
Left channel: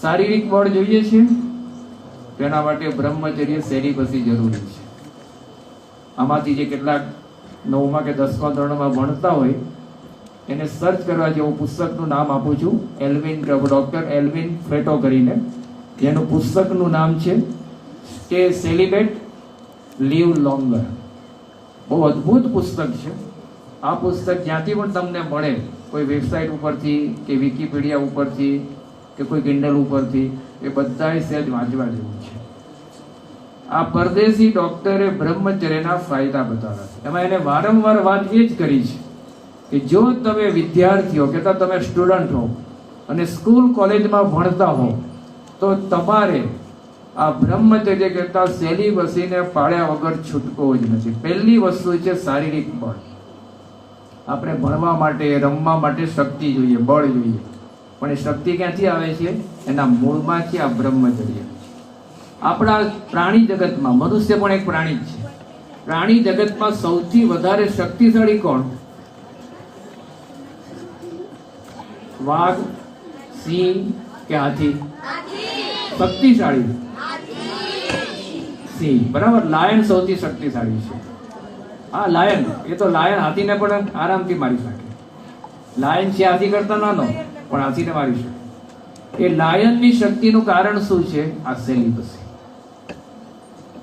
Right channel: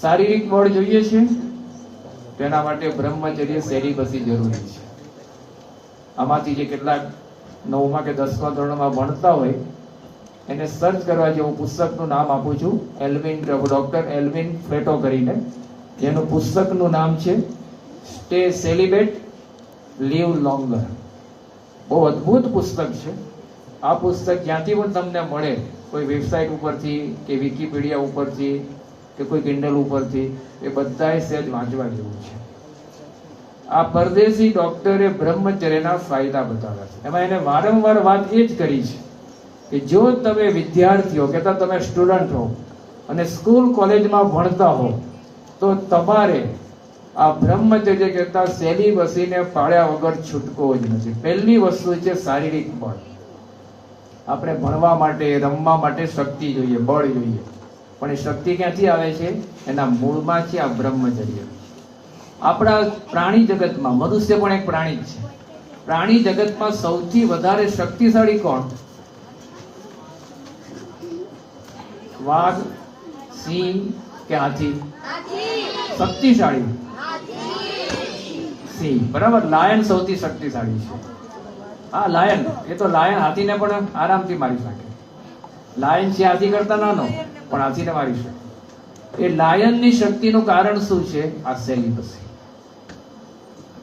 શારીરિક બળ જોઈએ છે, તેના માટે બ્રહ્મચર્ય સેલિબસી જરૂરી છે. આમાંથી જે કેટલાક 9મા કે 10મા ધોરણમાં ભણતા હોય એને સર્ચ કરવા જેવું પુસ્તકનું નામ આપું છું. ડોક્ટર એલ્વિન ફ્રેટો કરીને, જેનું પુસ્તકનું નામ છે સ્ટે સેલિબેટ લીવ લોંગર. બહુ અદ્ભુત પુસ્તક છે. આ પુસ્તક જ્યાંથી પણ તમને મળે, કોઈ વેબસાઇટ ઉપરથી કે વિકીપીડિયા ઉપરથી કે કોઈ કિન્ડલ ઉપરથી, એ બધાએ સહેજ વાંચવા જેવું છે. આ પરદેશી ડોક્ટરે બ્રહ્મચર્યના ફાયદા બતાવ્યા છે. એમાં એને વારંવાર વાત એ જ કરી છે કે જો તમે વિદ્યાર્થીઓ કહેતા તમે સ્ટુડન્ટ હો અને સ્કૂલ કોલેજમાં ભણતા હો તો તમારે આ બ્રહ્મચર્ય કહેતા સેલિબસીને પાળ્યા વગર છૂટકો જ નથી. પહેલી વસ્તુ છે શારીરિક બળ. આપણે ભણવા માટે, રમવા માટે શક્તિ જોઈએ, બળ જોઈએ, પણ એ શક્તિ ક્યાંથી આવે છે? એના મૂળમાં છે આ બ્રહ્મચર્ય. આપણા પ્રાણી જગતમાં, મનુષ્ય પણ એક પ્રાણી જ છે, પ્રાણી જગતમાં સૌથી વધારે શક્તિશાળી કોણ? વાઘ, સિંહ કે હાથી? શક્તિશાળી સિંહ, બરાબર. લાયન સૌથી શક્તિશાળી છે. આ લાયન, એ તો લાયન હાથીને પણ આરામથી મારી શકે. લાયન છે હાથી કરતા નાનો, પણ હાથીને મારી શકે. એ લાયનની શક્તિનું કારણ શું છે? આ સેલિબસી.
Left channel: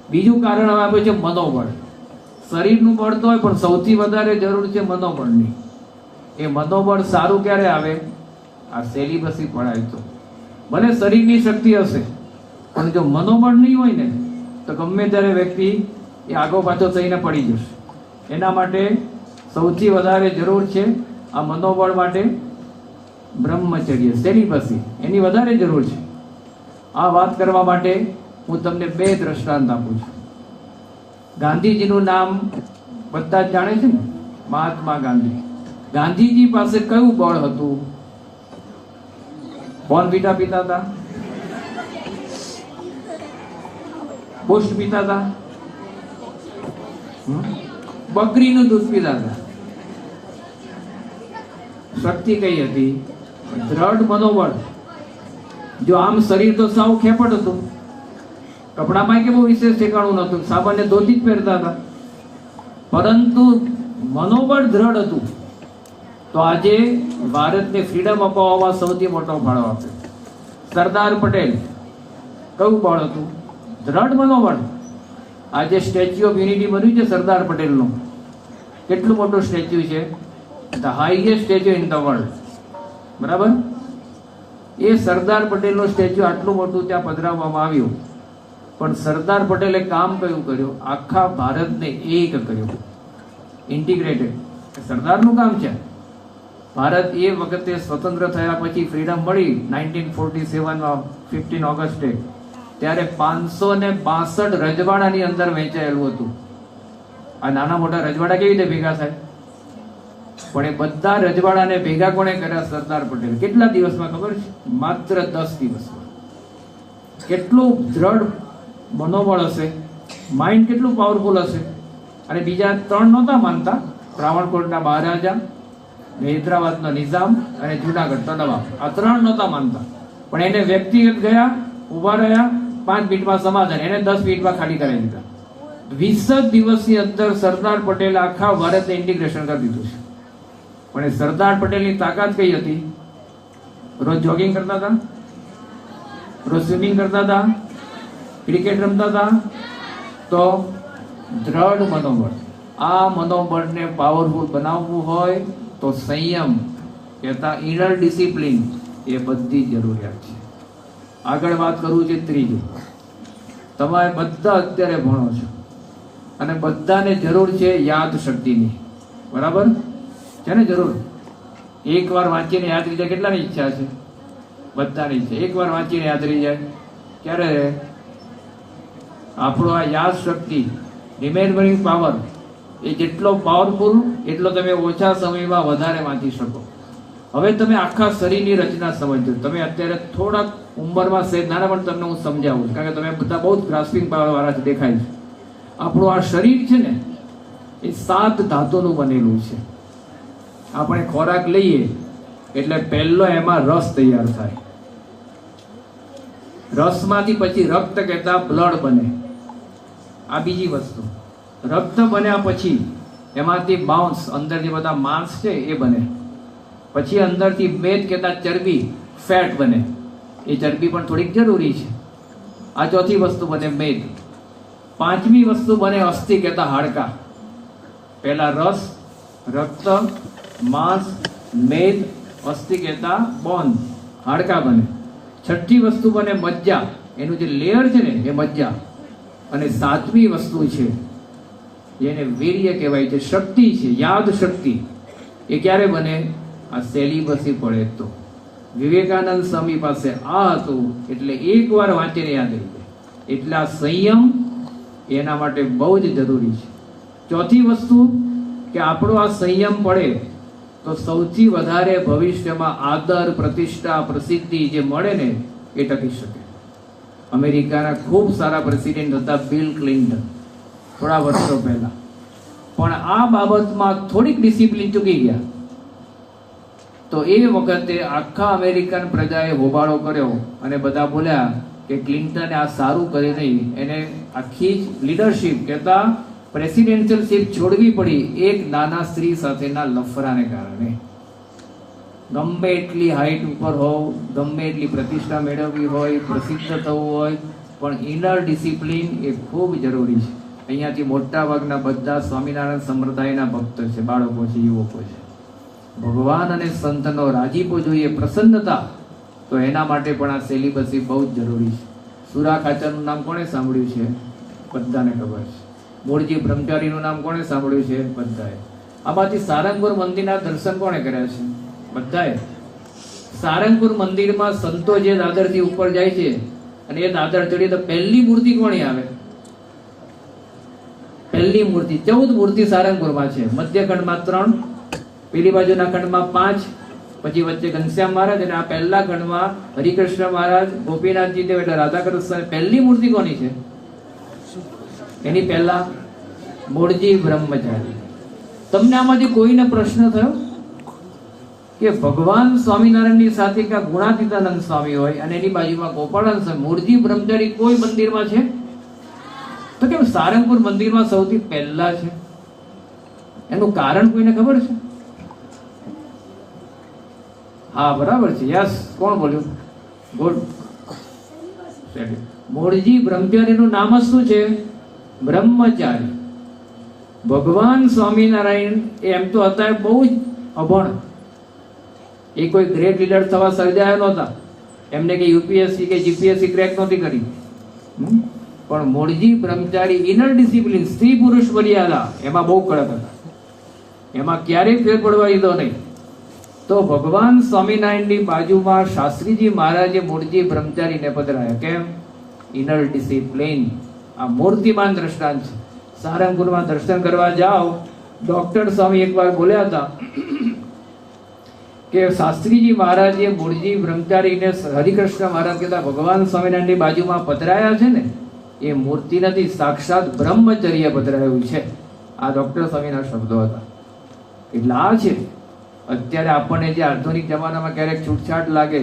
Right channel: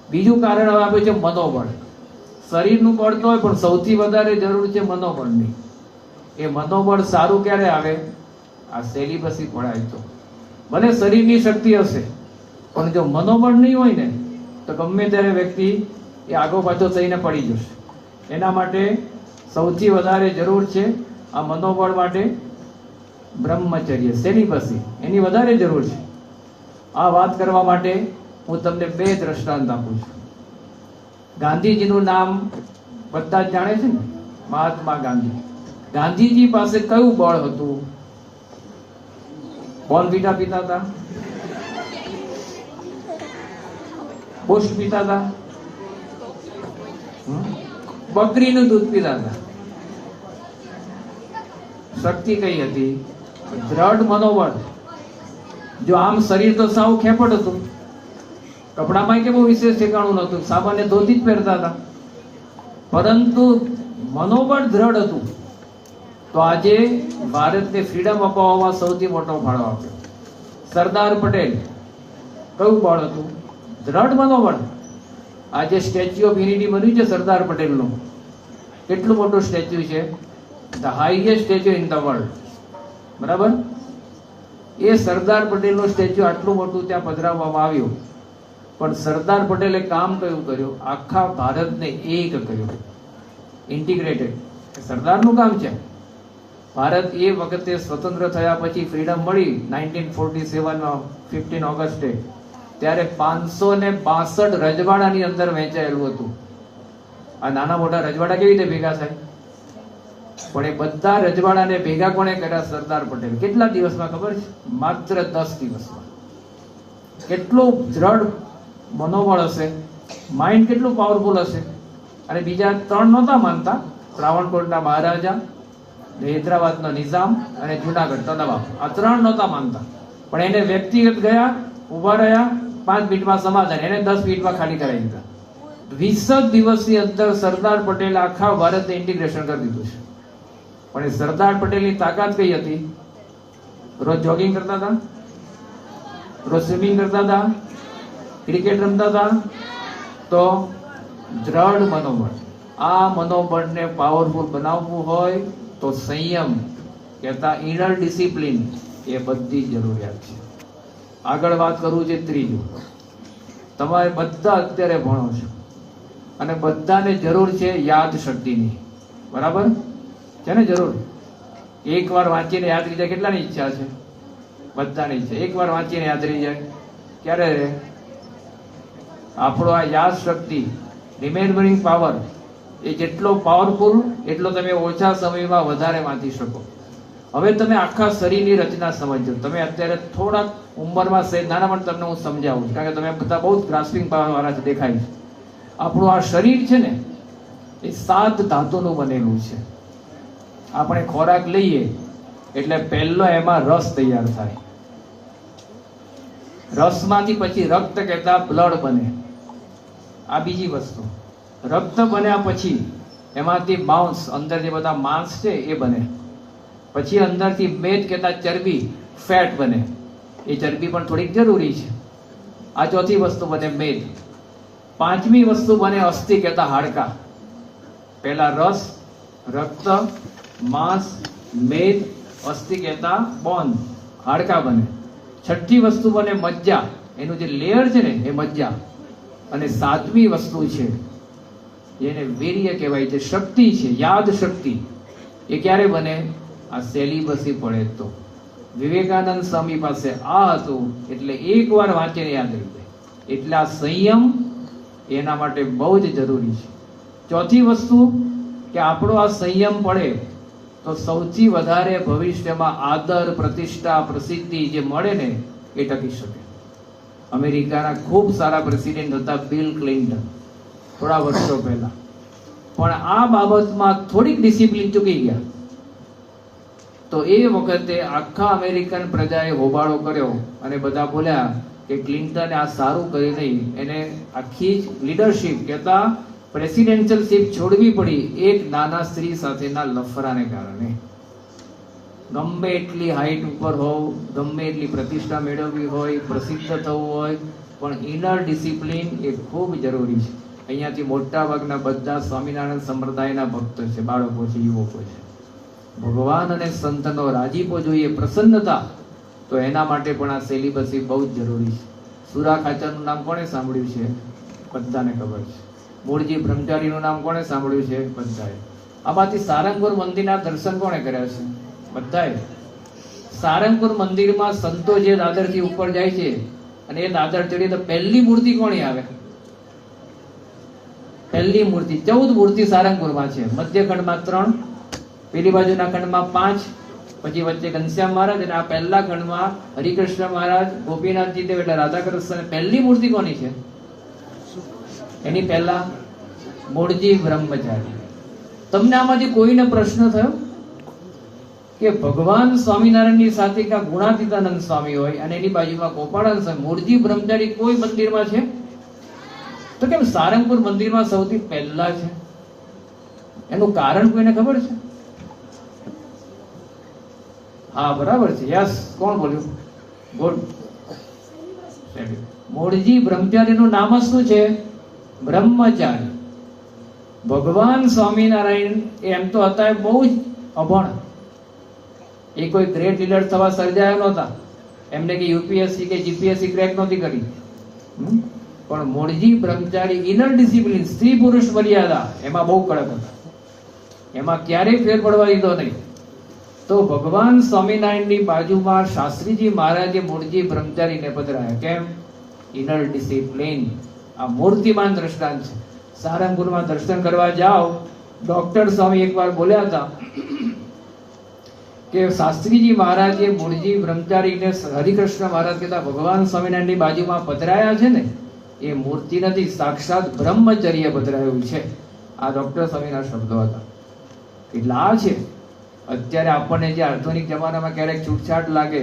બીજું કારણ હવે આપે છે મનોબળ. શરીરનું બળ તો હોય, પણ સૌથી વધારે જરૂર છે મનોબળની. એ મનોબળ સારું ક્યારે આવે? આ સેલિબસી પડાય તો. ભલે શરીરની શક્તિ હશે, પણ જો મનોબળ નહીં હોય ને તો ગમે ત્યારે વ્યક્તિ એ આગો પાછો થઈને પડી જશે. એના માટે સૌથી વધારે જરૂર છે આ મનોબળ માટે બ્રહ્મચર્ય, સેલિબસી, એની વધારે જરૂર છે. આ વાત કરવા માટે હું તમને 2 દ્રષ્ટાંત આપું છું. ગાંધીજીનું નામ બધા જ જાણે છે ને, મહાત્મા ગાંધી. ગાંધીજી પાસે કયું બળ હતું? બોર્નવિટા પીતા હતા? બુશ પીતા હતા? બકરીનું દૂધ પીતા હતા? શક્તિ કઈ હતી? દ્રઢ મનોબળ. જો આમ શરીર તો સાવ ખેપટ હતું, કપડામાં કે બહુ વિશેષ ઠેકાણું નહોતું, સામાન્ય ધોતી જ પહેરતા હતા, પરંતુ મનોબળ દ્રઢ હતું. તો આજે ભારતને ફ્રીડમ અપાવવામાં સૌથી મોટો ફાળો આપ્યો સરદાર પટેલ. કયું બળ હતું? દ્રઢ મનોબળ. આજે સ્ટેચ્યુ ઓફ યુનિટી બન્યું છે સરદાર પટેલનું. કેટલું મોટું સ્ટેચ્યુ છે? The highest statue in the world. બરાબર. એ સરદાર પટેલનું સ્ટેચ્યુ આટલું મોટું ત્યાં પધરાવવામાં આવ્યું, પણ સરદાર પટેલે કામ કયું કર્યું? આખા ભારતને એક કર્યું, ઇન્ટિગ્રેટેડ. સરદારનું કામ છે. ભારત એ વખતે સ્વતંત્ર થયા પછી ફ્રીડમ મળી 1947માં 15 ઓગસ્ટે, ત્યારે 562 રજવાડાની અંદર વહેંચાયેલું હતું. આ નાના મોટા રજવાડા કેવી રીતે ભેગા થાય? પણ એ બધા રજવાડાને ભેગા કોણે કર્યા? સરદાર પટેલ. કેટલા દિવસમાં ખબર છે? માત્ર 10 દિવસમાં. કેટલું દ્રઢ મનોબળ હશે, માઇન્ડ કેટલું પાવરફુલ હશે. અને બીજા 3 નહોતા માનતા, ત્રાવણકોટના મહારાજા, હૈદરાબાદનો નિઝામ અને જુનાગઢનો નવાબ. આ 3 નહોતા માનતા, પણ એને વ્યક્તિગત ગયા, ઉભા રહ્યા, 5 મિનિટમાં સમાધાન, એને 10 મિનિટમાં ખાલી કરાવી દીધા. 20 દિવસની અંદર સરદાર પટેલે આખા ભારતને ઇન્ટિગ્રેશન કરી દીધું છે. પણ એ સરદાર પટેલની તાકાત કઈ હતી? રોજ જોગિંગ કરતા હતા, રોજ સ્વિમિંગ કરતા હતા, ક્રિકેટ રમતા હતા. તો દ્રઢ મનોબળ. આ મનોબળને પાવરફુલ બનાવવું હોય તો સંયમ કહેતા ઇનર ડિસિપ્લિન એ બધી જરૂરિયાત છે. આગળ વાત કરું છે ત્રીજું. તમારે બધા અત્યારે ભણો છો, અને બધાને જરૂર છે યાદ શક્તિની. બરાબર છે ને? જરૂર. એકવાર વાંચીને યાદ રહી જાય. કેટલાની ઈચ્છા છે? બધાની ઈચ્છા. એકવાર વાંચીને યાદ રહી જાય. ક્યારે? આપણો આ યાદ શક્તિ, રિમેમ્બરિંગ પાવર, એ જેટલો પાવરફુલ એટલો તમે ઓછા સમયમાં વધારે વાંચી શકો. હવે તમે આખા શરીરની રચના સમજો. તમે અત્યારે થોડાક ઉંમરમાં છે નાના, પણ તમને હું સમજાવું, કારણ કે તમે બધા બહુ જ ગ્રાસ્પિંગ પાવર વાળા દેખાય છે. આપણું આ શરીર છે ને, એ 7 ધાતુનું બનેલું છે. આપણે ખોરાક લઈએ એટલે પહેલો એમાં રસ તૈયાર થાય. રસમાંથી પછી રક્ત કહેતા બ્લડ બને. આ બીજી વસ્તુ. રક્ત બન્યા પછી એમાંથી માંસ, અંદર જે બધા માંસ છે એ બને. પછી અંદરથી મેદ કહેતા ચરબી, ફેટ બને. એ ચરબી પણ થોડીક જરૂરી છે. આ ચોથી વસ્તુ બને મેદ. પાંચમી વસ્તુ બને અસ્થિ કહેતા હાડકા. પહેલા રસ, રક્ત, માંસ, મેદ, અસ્થિ કહેતા બોન, હાડકા બને. છઠ્ઠી વસ્તુ બને મજ્જા. એનું જે લેયર છે ને એ મજ્જા. અને સાતમી વસ્તુ છે જેને વીર્ય કહેવાય છે, શક્તિ છે, યાદ શક્તિ. એ ક્યારે બને? આ સેલિબસી પડે તો. વિવેકાનંદ સ્વામી પાસે આ હતું એટલે એકવાર વાંચીને યાદ રહી જાય. એટલે આ સંયમ એના માટે બહુ જ જરૂરી છે. ચોથી વસ્તુ કે આપણો આ સંયમ પડે તો સૌથી વધારે ભવિષ્યમાં આદર, પ્રતિષ્ઠા, પ્રસિદ્ધિ જે મળે ને એ ટકી શકે. અમેરિકાના ખૂબ સારા પ્રેસિડેન્ટ હતા બિલ ક્લિન્ટન, થોડા વર્ષો પહેલા. પણ આ બાબતમાં થોડીક ડિસિપ્લિન ચૂકી ગયા તો એ વખતે આખા અમેરિકન પ્રજાએ હોબાળો કર્યો અને બધા બોલ્યા કે ક્લિન્ટને આ સારું કર્યું નહીં. એને આખી લીડરશિપ કહેતા પ્રેસિડેન્શિયલ સીટ છોડવી પડી એક નાના સ્ત્રી સાથેના લફરાને કારણે. ગમે એટલી હાઈટ ઉપર હોવ, ગમે એટલી પ્રતિષ્ઠા મેળવવી હોય, પ્રસિદ્ધ થવું હોય, પણ ઇનર ડિસિપ્લિન એ ખૂબ જરૂરી છે. અહીંયાથી મોટા ભાગના બધા સ્વામિનારાયણ સંપ્રદાયના ભક્તો છે, બાળકો છે, યુવકો છે. ભગવાન અને સંતનો રાજીપો જોઈએ, પ્રસન્નતા, તો એના માટે પણ આ સેલિબસી બહુ જ જરૂરી છે. સુરા ખાચરનું નામ કોણે સાંભળ્યું છે? બધાને ખબર છે. મૂળજી બ્રહ્મચારીનું નામ કોણે સાંભળ્યું છે? બધાએ. આમાંથી સારંગપુર મંદિરના દર્શન કોણે કર્યા છે? બધાએ. સારંગપુર મંદિરમાં સંતો જે દાદરથી ઉપર જાય છે અને એ દાદર ચડી તો પહેલી મૂર્તિ કોની આવે? પહેલી મૂર્તિ 14 મૂર્તિ સારંગપુરમાં છે. મધ્ય ખંડમાં 3, પેલી બાજુના ખંડમાં 5, પછી વચ્ચે ઘનશ્યામ મહારાજ, અને આ પહેલા ખંડમાં હરિકૃષ્ણ મહારાજ, ગોપીનાથજી દેવ એટલે રાધાકૃષ્ણ. પહેલી મૂર્તિ કોની છે? એની પહેલા મૂળજી બ્રહ્મચારી. તમને આમાંથી કોઈને પ્રશ્ન થયો કે ભગવાન સ્વામિનારાયણની સાથે ક્યાં ગુણાતીતાનંદ સ્વામી હોય અને એની બાજુમાં ગોપાળાનંદ સ્વામી, મૂળજી બ્રહ્મચારી કોઈ મંદિરમાં છે? તો કેમ સારંગપુર મંદિરમાં સૌથી પહેલા છે? એનું કારણ કોઈને ખબર છે? હા, બરાબર છે. યસ, કોણ બોલ્યું? ગુડ. મૂળજી બ્રહ્મચારીનું નામ જ શું છે? બ્રહ્મચારી. ભગવાન સ્વામિનારાયણ એમ તો હતા બહુ જ અભણ. એ કોઈ ગ્રેટ લીડર થવા સર્જાયા નહોતા. એમને કે યુપીએસસી કે જીપીએસસી ક્રેક નહોતી કરી. પણ મૂળજી બ્રહ્મચારી ઇનર ડિસિપ્લિન, સ્ત્રી પુરુષ મર્યાદા, એમાં બહુ કડક હતા. એમાં ક્યારેય ફેર પડવા દીધો નહીં. તો ભગવાન સ્વામિનારાયણની બાજુમાં શાસ્ત્રીજી મહારાજે મૂળજી બ્રહ્મચારીને પધરાયા. કેમ? Inner discipline. આ મૂર્તિમાન દ્રષ્ટાંત છે. સારંગપુરમાં દર્શન કરવા જાઓ, ડોક્ટર સ્વામી એકવાર બોલ્યા હતા કે શાસ્ત્રીજી મહારાજે મૂળજી બ્રહ્મચારીને હરિકૃષ્ણ મહારાજ કહેતા ભગવાન સ્વામિનારાયણની બાજુમાં પધરાયા છે ને, એ મૂર્તિ નથી, સાક્ષાત બ્રહ્મચર્ય પધરાયું છે. આ ડોક્ટર સ્વામીના શબ્દો હતા. એટલે આ છે. અત્યારે આપણને જે આધુનિક જમાનામાં ક્યારેક છૂટછાટ લાગે,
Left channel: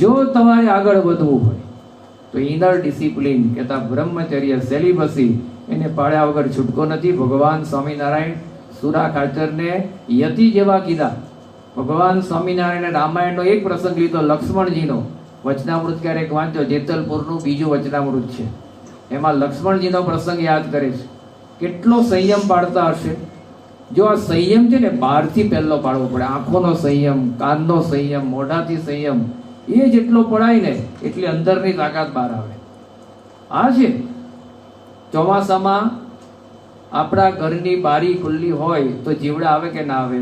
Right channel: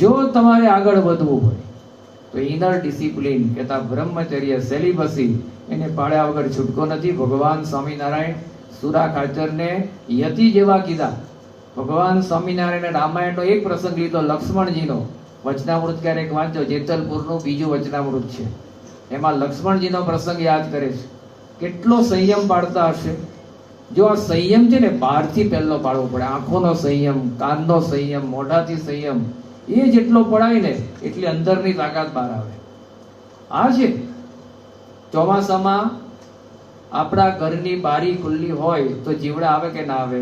જો તમારે આગળ વધવું હોય તો ઇનર ડિસિપ્લિન કહેતા બ્રહ્મચર્ય, સેલિબસી, એને પાળ્યા વગર છૂટકો નથી. ભગવાન સ્વામિનારાયણ સુરા ખાચરને યતિ જેવા કીધા. ભગવાન સ્વામિનારાયણ રામાયણનો એક પ્રસંગ લીધો, લક્ષ્મણજીનો. વચનામૃત ક્યારેક વાંચો, જેતલપુરનું બીજું વચનામૃત છે. એમાં લક્ષ્મણજીનો પ્રસંગ યાદ કરે છે. કેટલો સંયમ પાળતા હશે. જો આ સંયમ છે ને, બહારથી પહેલો પાડવો પડે. આંખોનો સંયમ, કાનનો સંયમ, મોઢાથી સંયમ, એ જેટલો પડાય ને એટલી અંદરની તાકાત બહાર આવે. આ છે ચોમાસામાં આપણા ઘરની બારી ખુલ્લી હોય તો જીવડા આવે કે ના આવે?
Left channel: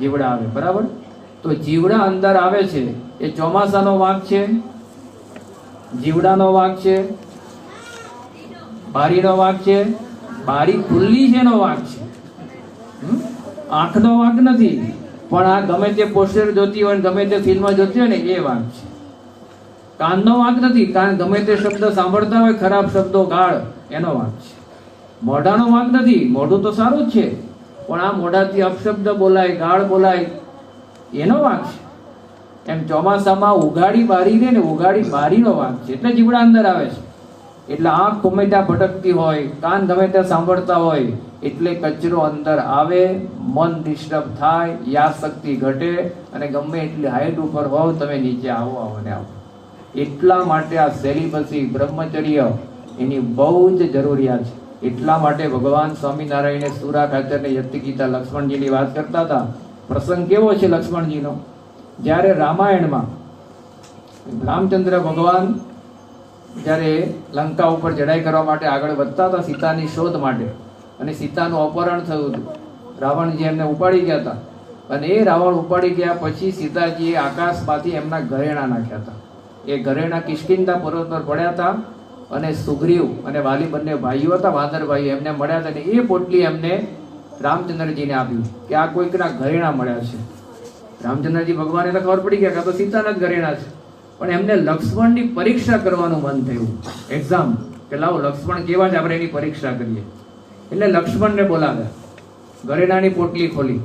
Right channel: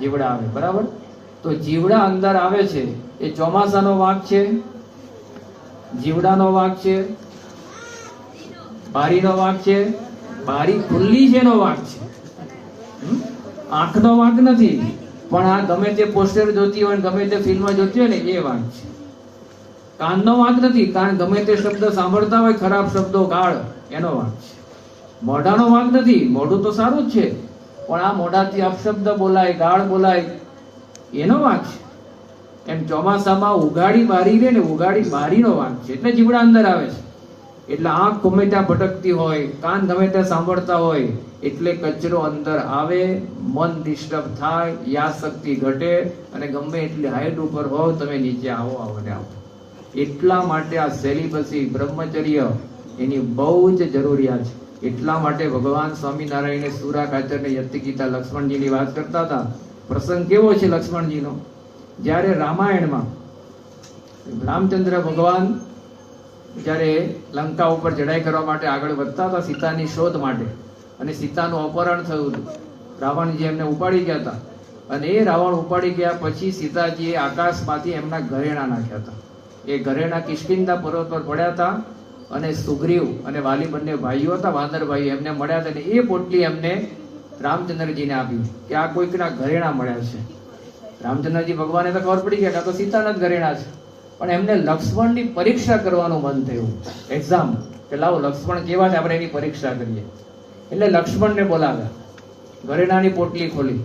જીવડા આવે, બરાબર? તો જીવડા અંદર આવે છે એ ચોમાસાનો વાંક છે, જીવડાનો વાંક છે, બારીનો વાંક છે, બારી ખુલ્લી છે એનો વાંક છે, આંખનો વાંક નથી. પણ આ ગમે તે પોસ્ટર જોતી હોય ગમે તે ફિલ્મ જોતી હોય ને એ વાંક છે. કાનનો વાંક નથી, કાન ગમે તે શબ્દ સાંભળતા હોય ખરાબ શબ્દો ગાળ એનો વાંક છે. મોઢાનો વાંક નથી, મોઢું તો સારું જ છે પણ આ મોઢાથી અપશબ્દ બોલાય ગાળ બોલાય એનો વાંક છે. એમ ચોમાસામાં ઉગાડી બારી રે ને ઉગાડી બારીનો વાંક છે એટલે જીવડા અંદર આવે છે. એટલે આંખ ગમે ત્યાં ભટકતી હોય, કાન ગમે ત્યાં સાંભળતા હોય એટલે કચરો અંદર આવે, મન ડિસ્ટર્બ થાય, યાદ શક્તિ ઘટે અને ગમે એટલી હાઈટ ઉપર હોવ તમે નીચે આવો ને આવો. એટલા માટે આ સેલિબસી બ્રહ્મચર્ય એની બહુ જ જરૂરિયાત છે. એટલા માટે ભગવાન સ્વામિનારાયણે સુરા ખાચરને યતિ ગીતા લક્ષ્મણજીની વાત કરતા હતા. પ્રસંગ કેવો છે લક્ષ્મણજીનો? જ્યારે રામાયણમાં રામચંદ્ર ભગવાન જ્યારે લંકા ઉપર ચઢાઈ કરવા માટે આગળ વધતા હતા સીતાની શોધ માટે, અને સીતાનું અપહરણ થયું હતું. રાવણજી એમને ઉપાડી ગયા હતા અને એ રાવણ ઉપાડી ગયા પછી સીતાજીએ આકાશમાંથી એમના ઘરેણા નાખ્યા હતા. એ ઘરેણા કિષ્કિંધા પર્વત પર પડ્યા હતા અને સુગ્રીવ અને વાલી બંને ભાઈઓ હતા, વાનર ભાઈઓ, એમને મળ્યા હતા અને એ પોટલી એમને રામચંદ્રજીને આપી કે આ કોઈકના ઘરેણા મળ્યા છે. રામચંદ્રજી ભગવાનને તો ખબર પડી ગયા કે આ તો સીતાના જ ઘરેણા છે, પણ એમને લક્ષ્મણની પરીક્ષા કરવાનું મન થયું, એક્ઝામ, કે લાવો લક્ષ્મણ કેવા છે આપણે એની પરીક્ષા કરીએ. એટલે લક્ષ્મણને બોલાવ્યા, ઘરેણાની પોટલી ખોલી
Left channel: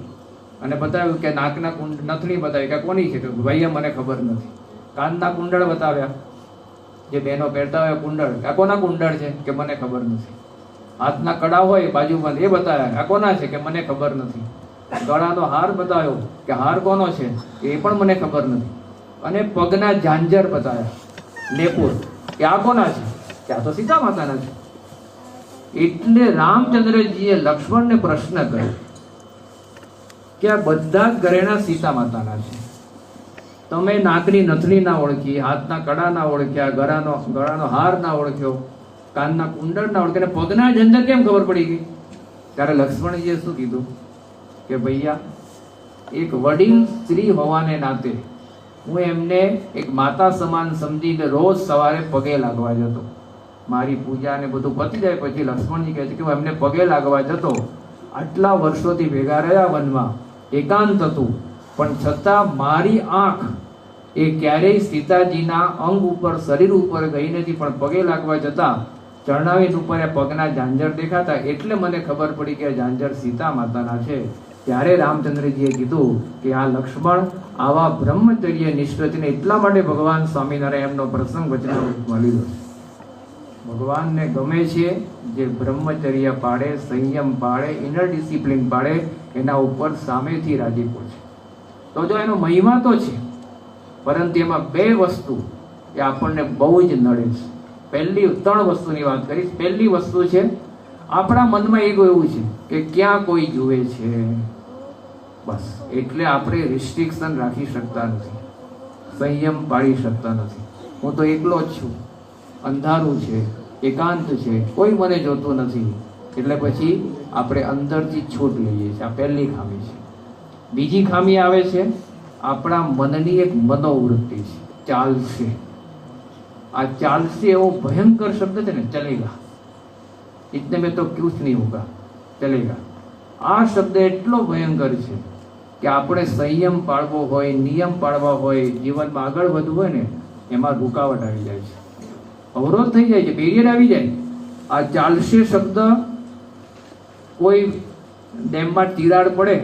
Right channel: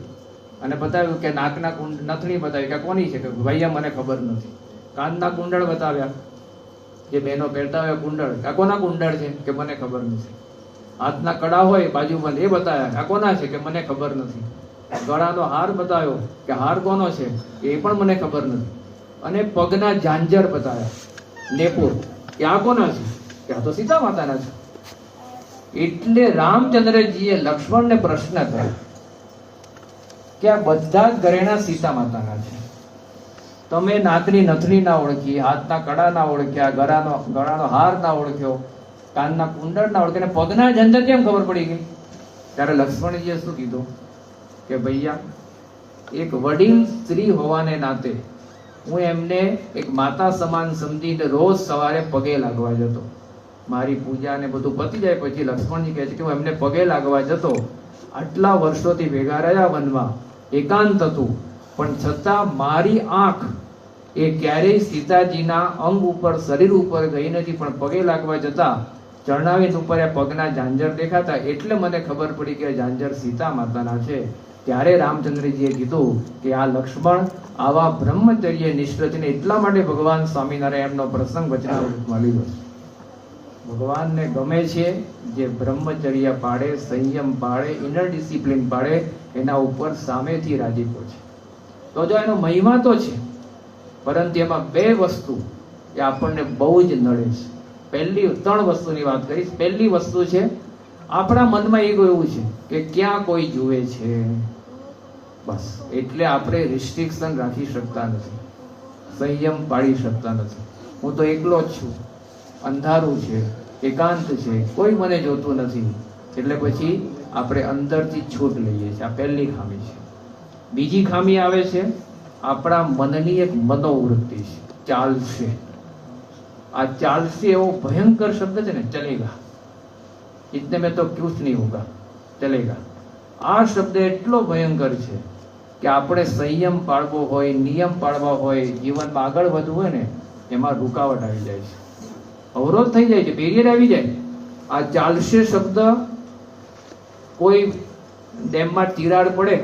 અને બતાવ્યું કે નાકના નથણી બતાવી કે કોની છે, કે ભાઈ મને ખબર નથી. કાનના કુંડળ બતાવ્યા, જે બહેનો પહેરતા હોય કુંડળ, કે કોના કુંડળ છે, કે મને ખબર નથી. હાથના કડા હોય બાજુમાં એ બતાવ્યા, આ કોના છે, કે મને ખબર નથી. ગળાનો હાર બતાવ્યો કે હાર કોનો છે, એ પણ મને ખબર નથી. અને પગના ઝાંઝર બતાવ્યા, લેપુર, કે આ કોના છે, કે આ તો સીતા માતાના છે. એટલે રામચંદ્રજીએ લક્ષ્મણને પ્રશ્ન કર્યો કે આ બધા જ ઘરેણા સીતા માતાના છે, તમે નાકની નથણી ના ઓળખી, હાથના કડા ના ઓળખ્યા, ગળાનો હાર ના ઓળખ્યો, કાનના કુંડળ ના ઓળખ્યા, પગના ઝંઝર કેમ ખબર પડી ગઈ? ત્યારે લક્ષ્મણજીએ શું કીધું કે ભૈયા, એક વડીલ સ્ત્રી હોવાને નાતે હું એમને એક માતા સમાન સમજીને રોજ સવારે પગે લાગવા જતો. મારી પૂજા ને બધું પતી જાય પછી લક્ષ્મણજી કહે છે કે હું એમને પગે લાગવા જતો. આટલા વર્ષોથી ભેગા રહ્યા વનમાં, એકાંત હતું, પણ છતાં મારી આંખ એ ક્યારેય સીતાજીના અંગ ઉપર, શરીર ઉપર ગઈ નથી, પણ પગે લાગવા જતા ચરણાવેદ ઉપર એ પગના ઝાંઝર દેખાતા એટલે મને ખબર પડી કે ઝાંઝર સીતા માતાના છે. ત્યારે રામચંદ્રજીએ કીધું કે આ લક્ષ્મણ આવા બ્રહ્મચર્ય નિષ્ઠ છે. એટલા માટે ભગવાન સ્વામિનારાયણ એમનો પ્રસંગ વચનામૃતમાં લીધો છે. ભગવાનને ગમે છે જે બ્રહ્મચર્ય પાળે, સંયમ પાળે, ઇનર ડિસિપ્લિન પાળે, એના ઉપર સામેથી રાજીપો છે. તો જો એનો મહિમા તો છે, પરંતુ એમાં બે વસ્તુ એ આપણને બહુ જ નડે છે. પહેલી 3 વસ્તુની વાત કરીશ. પહેલી વસ્તુ છે આપણા મનમાં એવું છે કે ક્યાં કોઈ જુએ છે, બસ. એટલે આપણે રિસ્ટ્રિક્શન રાખી શકતા નથી, સંયમ પાળી શકતા નથી. હું તો એકલો જ છું, અંધારું છે, એકાંત છે, કોઈ મને જોતું નથી, એટલે પછી આપણે અંદરથી છૂટ લઈએ છીએ. આ પહેલી ખામી છે. બીજી ખામી આવે છે આપણા મનની એક મનોવૃત્તિ છે, ચાલશે. આ ચાલશે એવો ભયંકર શબ્દ છે ને, ચલેગા, ઇતને મેં તો કુછ નહીં હોગા, ચલેગા. આ શબ્દ એટલો ભયંકર છે કે આપણે સંયમ પાળવો હોય, નિયમ પાળવા હોય, જીવનમાં આગળ વધવું હોય ને, એમાં રૂકાવટ આવી જાય છે, અવરોધ થઈ જાય છે, બેરિયર આવી જાય. આ ચાલશે શબ્દ, કોઈ ડેમમાં તિરાડ પડે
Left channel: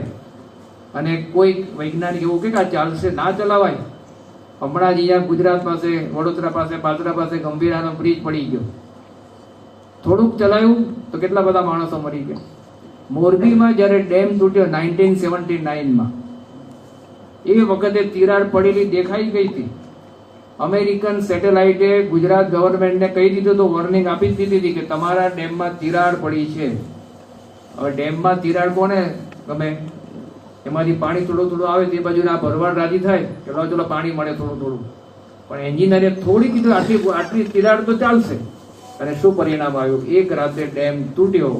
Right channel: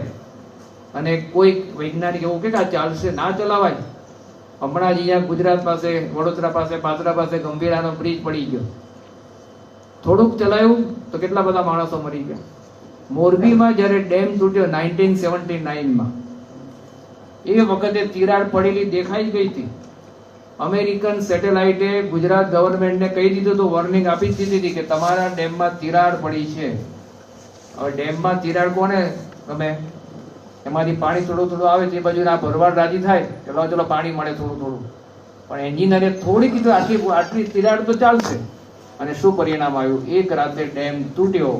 અને કોઈ વૈજ્ઞાનિક એવું કે આ ચાલશે, ના ચલાવાય. હમણાં જ અહીંયા ગુજરાત પાસે, વડોદરા પાસે, પાદરા પાસે ગંભીરાનો બ્રિજ પડી ગયો. થોડુંક ચલાવ્યું તો કેટલા બધા માણસો મરી ગયા. મોરબીમાં જ્યારે ડેમ તૂટ્યો 1979માં, એ વખતે તિરાડ પડેલી દેખાઈ ગઈ હતી. અમેરિકન સેટેલાઇટે ગુજરાત ગવર્મેન્ટને કહી દીધું તો વોર્નિંગ આપી દીધી હતી કે તમારા ડેમમાં તિરાડ પડી છે. હવે ડેમમાં તિરાડ કોને ગમે? એમાંથી પાણી થોડું થોડું આવે તે બાજુ આ ભરવાડ રાજી થાય કે ચલો પાણી મળે થોડું થોડું, પણ એન્જિનિયરે થોડી કીધું આટલી તિરાડ તો ચાલશે. અને શું પરિણામ આવ્યું? એક રાતે ડેમ તૂટ્યો,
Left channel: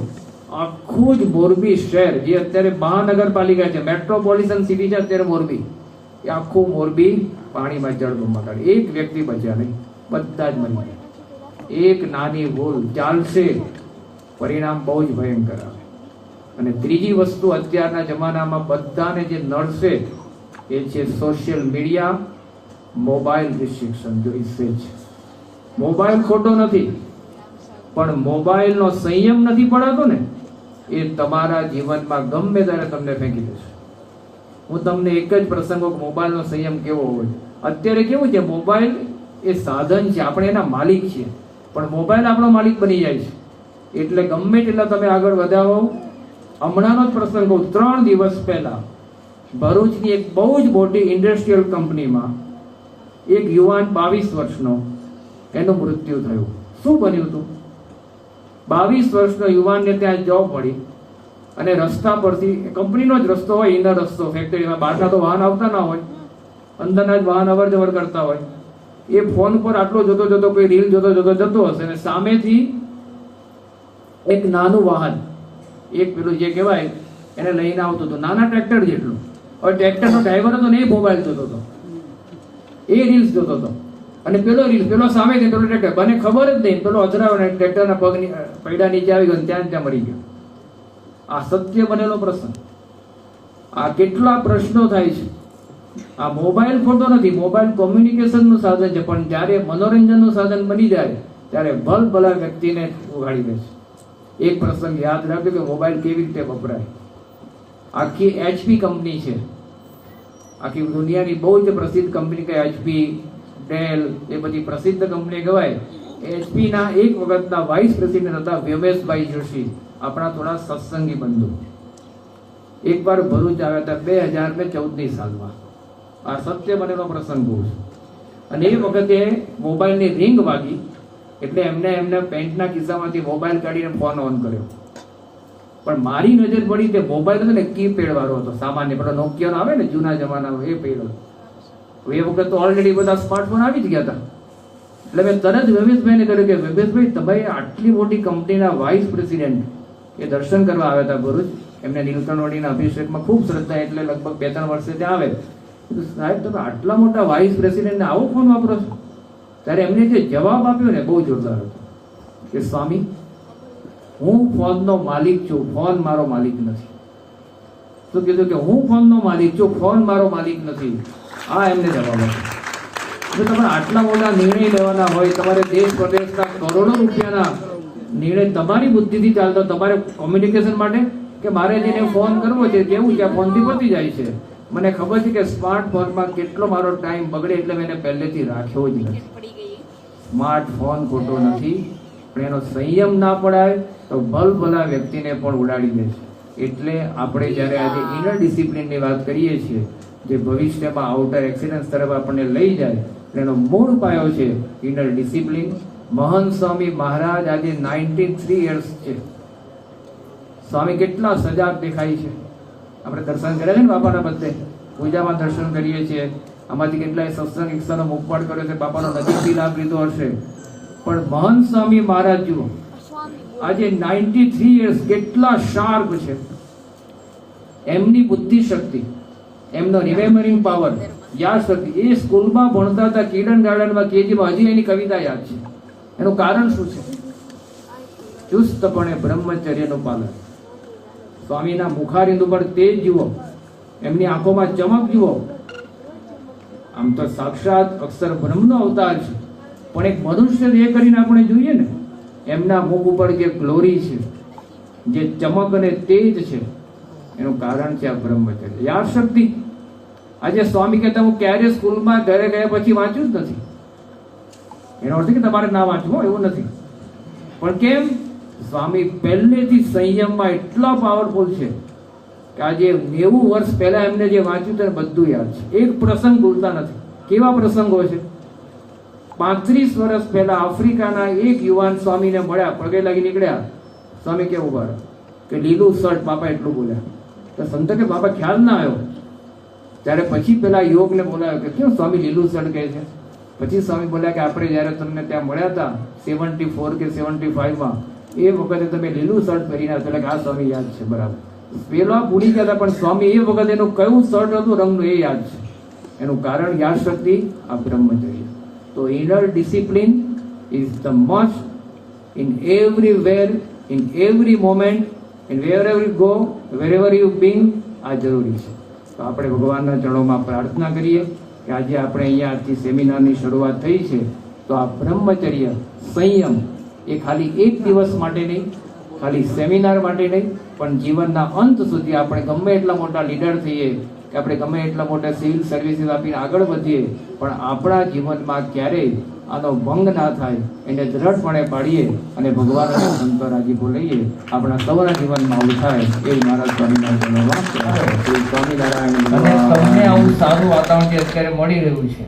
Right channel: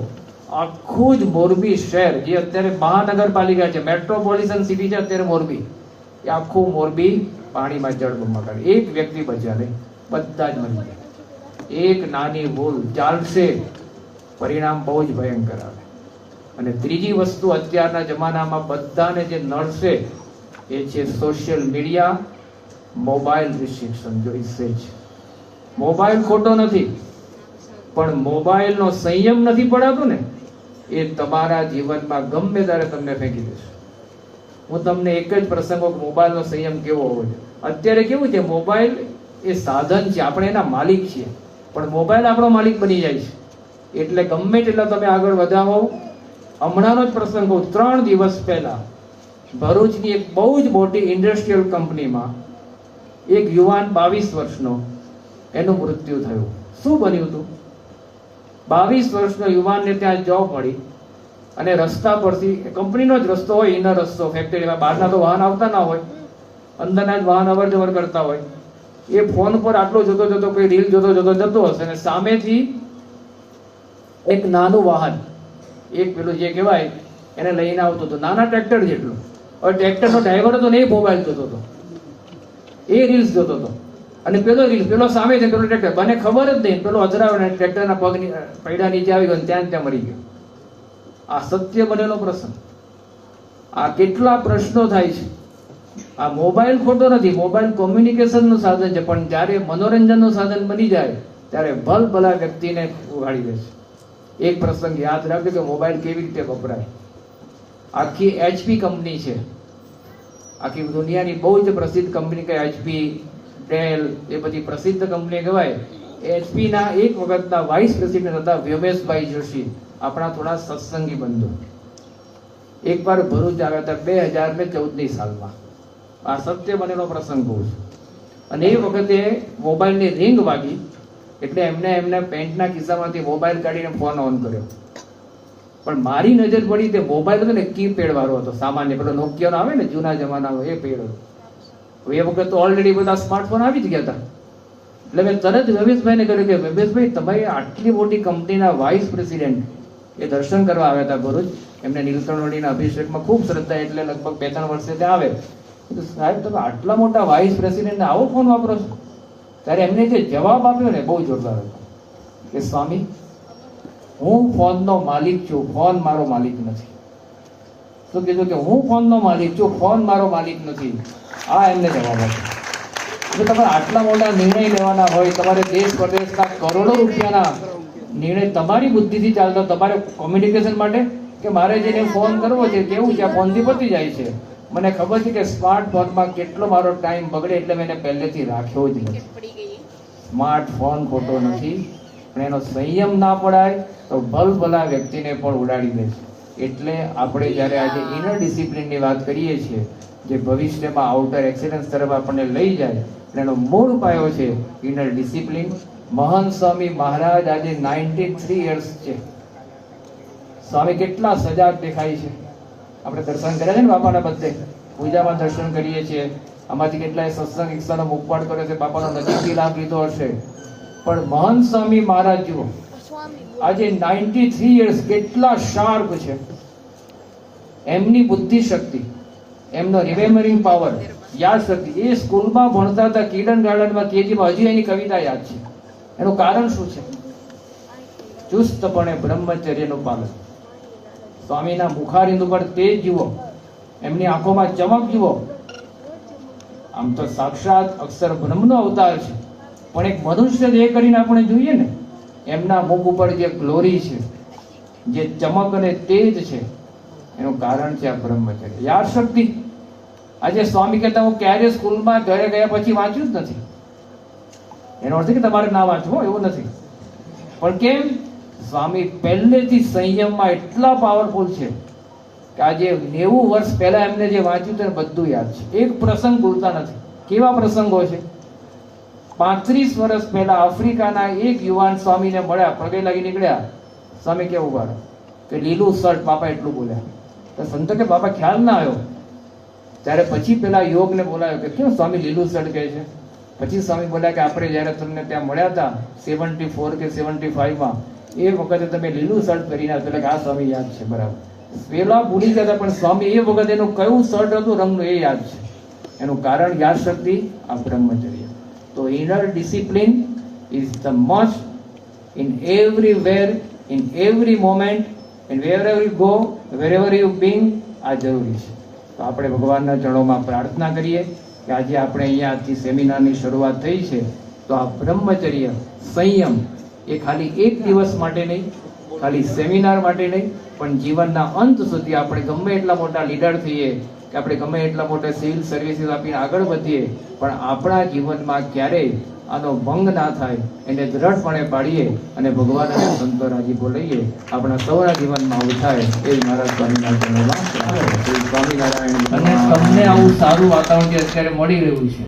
આખું જ મોરબી શહેર જે અત્યારે મહાનગરપાલિકા છે, મેટ્રોપોલિટન સિટી છે અત્યારે મોરબી, એ આખું મોરબી પાણીમાં જળબંબાકાર, એક વ્યક્તિ બચ્યા નહીં, બધા જ મરી ગયા. એક નાની ભૂલ ચાલશે, પરિણામ બહુ જ ભયંકર આવે. અને ત્રીજી વસ્તુ અત્યારના જમાનામાં બધાને જે નડશે એ છે સોશિયલ મીડિયા, મોબાઈલ રિસ્ટ્રિક્શન. જો છે મોબાઈલ ખોટો નથી, પણ મોબાઈલનો સંયમ નથી પડાતો ને, એ તમારા જીવનમાં ગમે ત્યારે તમને ફેંકી દેશે. હું તમને એક જ પ્રસંગો મોબાઈલનો સંયમ કેવો હોય. અત્યારે કેવું છે, મોબાઈલ એ સાધન છે, આપણે એના માલિક છીએ, પણ મોબાઈલ આપણો માલિક બની જાય છે. એટલે ગમે તેટલા તમે આગળ વધાવો. હમણાંનો જ પ્રસંગ કહું, 3 દિવસ પહેલા ભરૂચની એક બહુ જ મોટી ઇન્ડસ્ટ્રીયલ કંપનીમાં એક યુવાન 22 વર્ષનો એનું મૃત્યુ થયું. શું બન્યું હતું? 22 વર્ષનો યુવાનને ત્યાં જોબ મળી અને રસ્તા પરથી, કંપનીનો જ રસ્તો હોય, ઇનર રસ્તો, ફેક્ટરીમાં બહારના તો વાહન આવતા ના હોય, અંદરના જ વાહન અવર જવર કરતા હોય. એ ફોન પર આટલો જતો કોઈ રીલ જતો હશે અને સામેથી એક નાનું વાહન, એક પેલું જે કહેવાય એને લઈને આવતું હતું, નાના ટ્રેક્ટર જેટલું. હવે ટ્રેક્ટરનો ડ્રાઈવર હતો ને એ મોબાઈલ જોતો હતો, એ રીલ્સ જોતો હતો, અને પેલો સામે છે પેલો ટ્રેક્ટર, મને ખબર જ નહીં, પેલો અજરાવે ટ્રેક્ટરના પગની પૈડા નીચે આવી ગયો, ત્યાં મરી ગયો. આ સત્ય બનેલો પ્રસંગ. આ કેટલા પ્રશ્નો થાય છે. આ મોબાઈલ ખોટો નથી, મોબાઈલ કોમ્યુનિકેશનનું સાધન છે, પણ જ્યારે મનોરંજનનું સાધન બની જાય ત્યારે ભલા વ્યક્તિને ઉગાડી દે છે. એક પ્રસંગ યાદ રાખજો કે મોબાઈલ કેવી રીતે વપરાય. આખી HP કંપની છે, આખી દુનિયાની બહુ જ પ્રસિદ્ધ કંપની કે HP, ડેલ, એ બધી પ્રસિદ્ધ કંપની કહેવાય. HP ના એક વખતના વાઇસ પ્રેસિડેન્ટ હતા વ્યોમેશભાઈ જોશી, આપણા થોડા સત્સંગી બંધુ. એકવાર ભરૂચ આવ્યા હતા 2014ની સાલમાં. આ સત્ય બનેલો પ્રસંગ બહુ છે. અને એ વખતે મોબાઈલની રિંગ વાગી એટલે એમના પેન્ટના ખિસ્સામાંથી મોબાઈલ કાઢીને ફોન ઓન કર્યો. પણ મારી નજર પડી તે મોબાઈલ હતો ને કીપેડ વાળો હતો, સામાન્ય પેલો નોકિયાનો આવે ને જૂના જમાનામાં, એ પેડ હતો. એ વખત તો ઓલરેડી બધા સ્માર્ટફોન આવી જ ગયા હતા. એટલે મેં તરત રમેશભાઈને કહ્યું કે રમેશભાઈ, તમારી આટલી મોટી કંપનીના વાઇસ પ્રેસિડેન્ટ એ દર્શન કરવા આવ્યા હતા ભરૂચ. એમને નીલકંઠવાડીના અભિષેકમાં ખૂબ શ્રદ્ધા, એટલે લગભગ 2-3 વર્ષે ત્યાં આવે. સાહેબ, તમે આટલા મોટા વાઇસ પ્રેસિડેન્ટને આવો ફોન વાપરો છો? ત્યારે એમને જે જવાબ આપ્યો ને બહુ જોરદાર હતો કે સ્વામી, હું ફોનનો માલિક છું, ફોન મારો માલિક નથી. શું કીધું? કે હું ફોનનો માલિક છું, ફોન મારો માલિક નથી. આ એમને જવાબ આપ્યો. જો તમારે આટલા મોટા નિર્ણય લેવાના હોય, તમારે દેશ પ્રદેશના કરોડો રૂપિયાના નિર્ણય તમારી બુદ્ધિથી ચાલતો, તમારે કોમ્યુનિકેશન માટે કે મારે જેને ફોન કરવો છે કેવું છે, આ ફોનથી પતી જાય છે. મને ખબર છે કે સ્માર્ટફોનમાં કેટલો મારો ટાઈમ બગડે, એટલે મેં એને પહેલેથી રાખ્યો જ નથી. સ્માર્ટફોન ખોટો નથી, પણ એનો સંયમ ના પડાય તો ભલા વ્યક્તિને પણ ઉડાડી દે છે. એટલે આપણે જ્યારે આજે ઇનર ડિસિપ્લિનની વાત કરીએ છીએ, જે ભવિષ્યમાં આઉટર એક્સિલન્સ તરફ આપણને લઈ જાય, એનો મૂળ પાયો છે ઇનર ડિસિપ્લિન. મહંત સ્વામી મહારાજ આજે 93 યર્સ છે. સ્વામી કેટલા સજાગ દેખાય છે. આપણે દર્શન કર્યા છે ને બાપાના બધે, પૂજામાં દર્શન કરીએ છીએ. આમાંથી કેટલાય સત્સંગ ઇચ્છાનો મુખપાટ કર્યો છે, બાપાનો નજીકથી લાભ લીધો હશે. પણ મહંત સ્વામી મહારાજ જુઓ, આજે 93 યર્સ, કેટલા શાર્પ છે. એમની બુદ્ધિ શક્તિ, એમનો રિમેમ્બરિંગ પાવર, યાદ શક્તિ. એ સ્કૂલમાં ભણતા હતા, કિડન ગાર્ડનમાં, કેજીમાં, હજી એની કવિતા યાદ છે. એનું કારણ શું છે? ચુસ્તપણે બ્રહ્મચર્યનું પાલન. સ્વામીના મુખારવિંદ ઉપર તેજ જુઓ, એમની આંખોમાં ચમક જુઓ. આમ તો સાક્ષાત અક્ષર બ્રહ્મનો અવતાર છે, પણ એક મનુષ્ય એ કરીને આપણે જોઈએ ને, એમના મુખ ઉપર જે ગ્લોરી છે, જે ચમક અને તેજ છે, એનું કારણ છે આ બ્રહ્મચર્ય, યાદ શક્તિ. આજે સ્વામી કહેતા હું ક્યારે સ્કૂલમાં ઘરે ગયા પછી વાંચ્યું જ નથી. એનો અર્થ કે તમારે ના વાંચવું એવું નથી, પણ કેમ? સ્વામી પહેલેથી સંયમમાં એટલા પાવરફુલ છે કે આજે 90 વર્ષ પહેલા એમને જે વાંચ્યું હતું બધું યાદ છે. એક પ્રસંગ ભૂલતા નથી. કેવા પ્રસંગો છે? 35 વર્ષ પહેલા આફ્રિકાના એક યુવાન સ્વામીને મળ્યા, પગે લાગી નીકળ્યા. સ્વામી કેવું બોલે કે લીલું શર્ટ, બાપા એટલું બોલ્યા. તો સંતો કે બાપા ખ્યાલ ના આવ્યો. ત્યારે પછી પેલા યોગને બોલાયો કે કેમ સ્વામી લીલું શર્ટ કહે છે? પછી સ્વામી બોલ્યા કે આપણે જયારે તમને ત્યાં મળ્યા હતા 74 કે 75માં, એ વખતે તમે લીલું શર્ટ પહેરીને એટલે કે આ સ્વામી યાદ છે, બરાબર. પેલા ભૂલી ગયા પણ સ્વામી એ વખતે એનું કયું શર્ટ હતું રંગનું એ યાદ છે. એનું કારણ યાદ શક્તિ આ બ્રહ્મચર્ય. તો inner discipline is the must in everywhere, in every moment, and wherever you go, wherever you being, આ જરૂરી છે. તો આપણે ભગવાનના ચરણોમાં પ્રાર્થના કરીએ કે આજે આપણે અહીંયા આજથી સેમિનારની શરૂઆત થઈ છે તો આ બ્રહ્મચર્ય સંયમ એ ખાલી એક દિવસ માટે નહીં, ખાલી સેમિનાર માટે નહીં, પણ જીવનના અંત સુધી આપણે ગમે એટલા મોટા લીડર થઈએ કે આપણે ગમે એટલા મોટા સિવિલ સર્વિસીસ આપીને આગળ વધીએ પણ આપણા જીવનમાં ક્યારેય આનો ભંગ ના થાય એને દ્રઢપણે પાડીએ અને ભગવાન અને સંતો રાજીપો લઈએ, આપણા સૌના જીવનમાં આવું થાય એવું મારા સ્વામિનારાયણ અને તમને આવું સારું વાતાવરણ જે અત્યારે મળી રહ્યું છે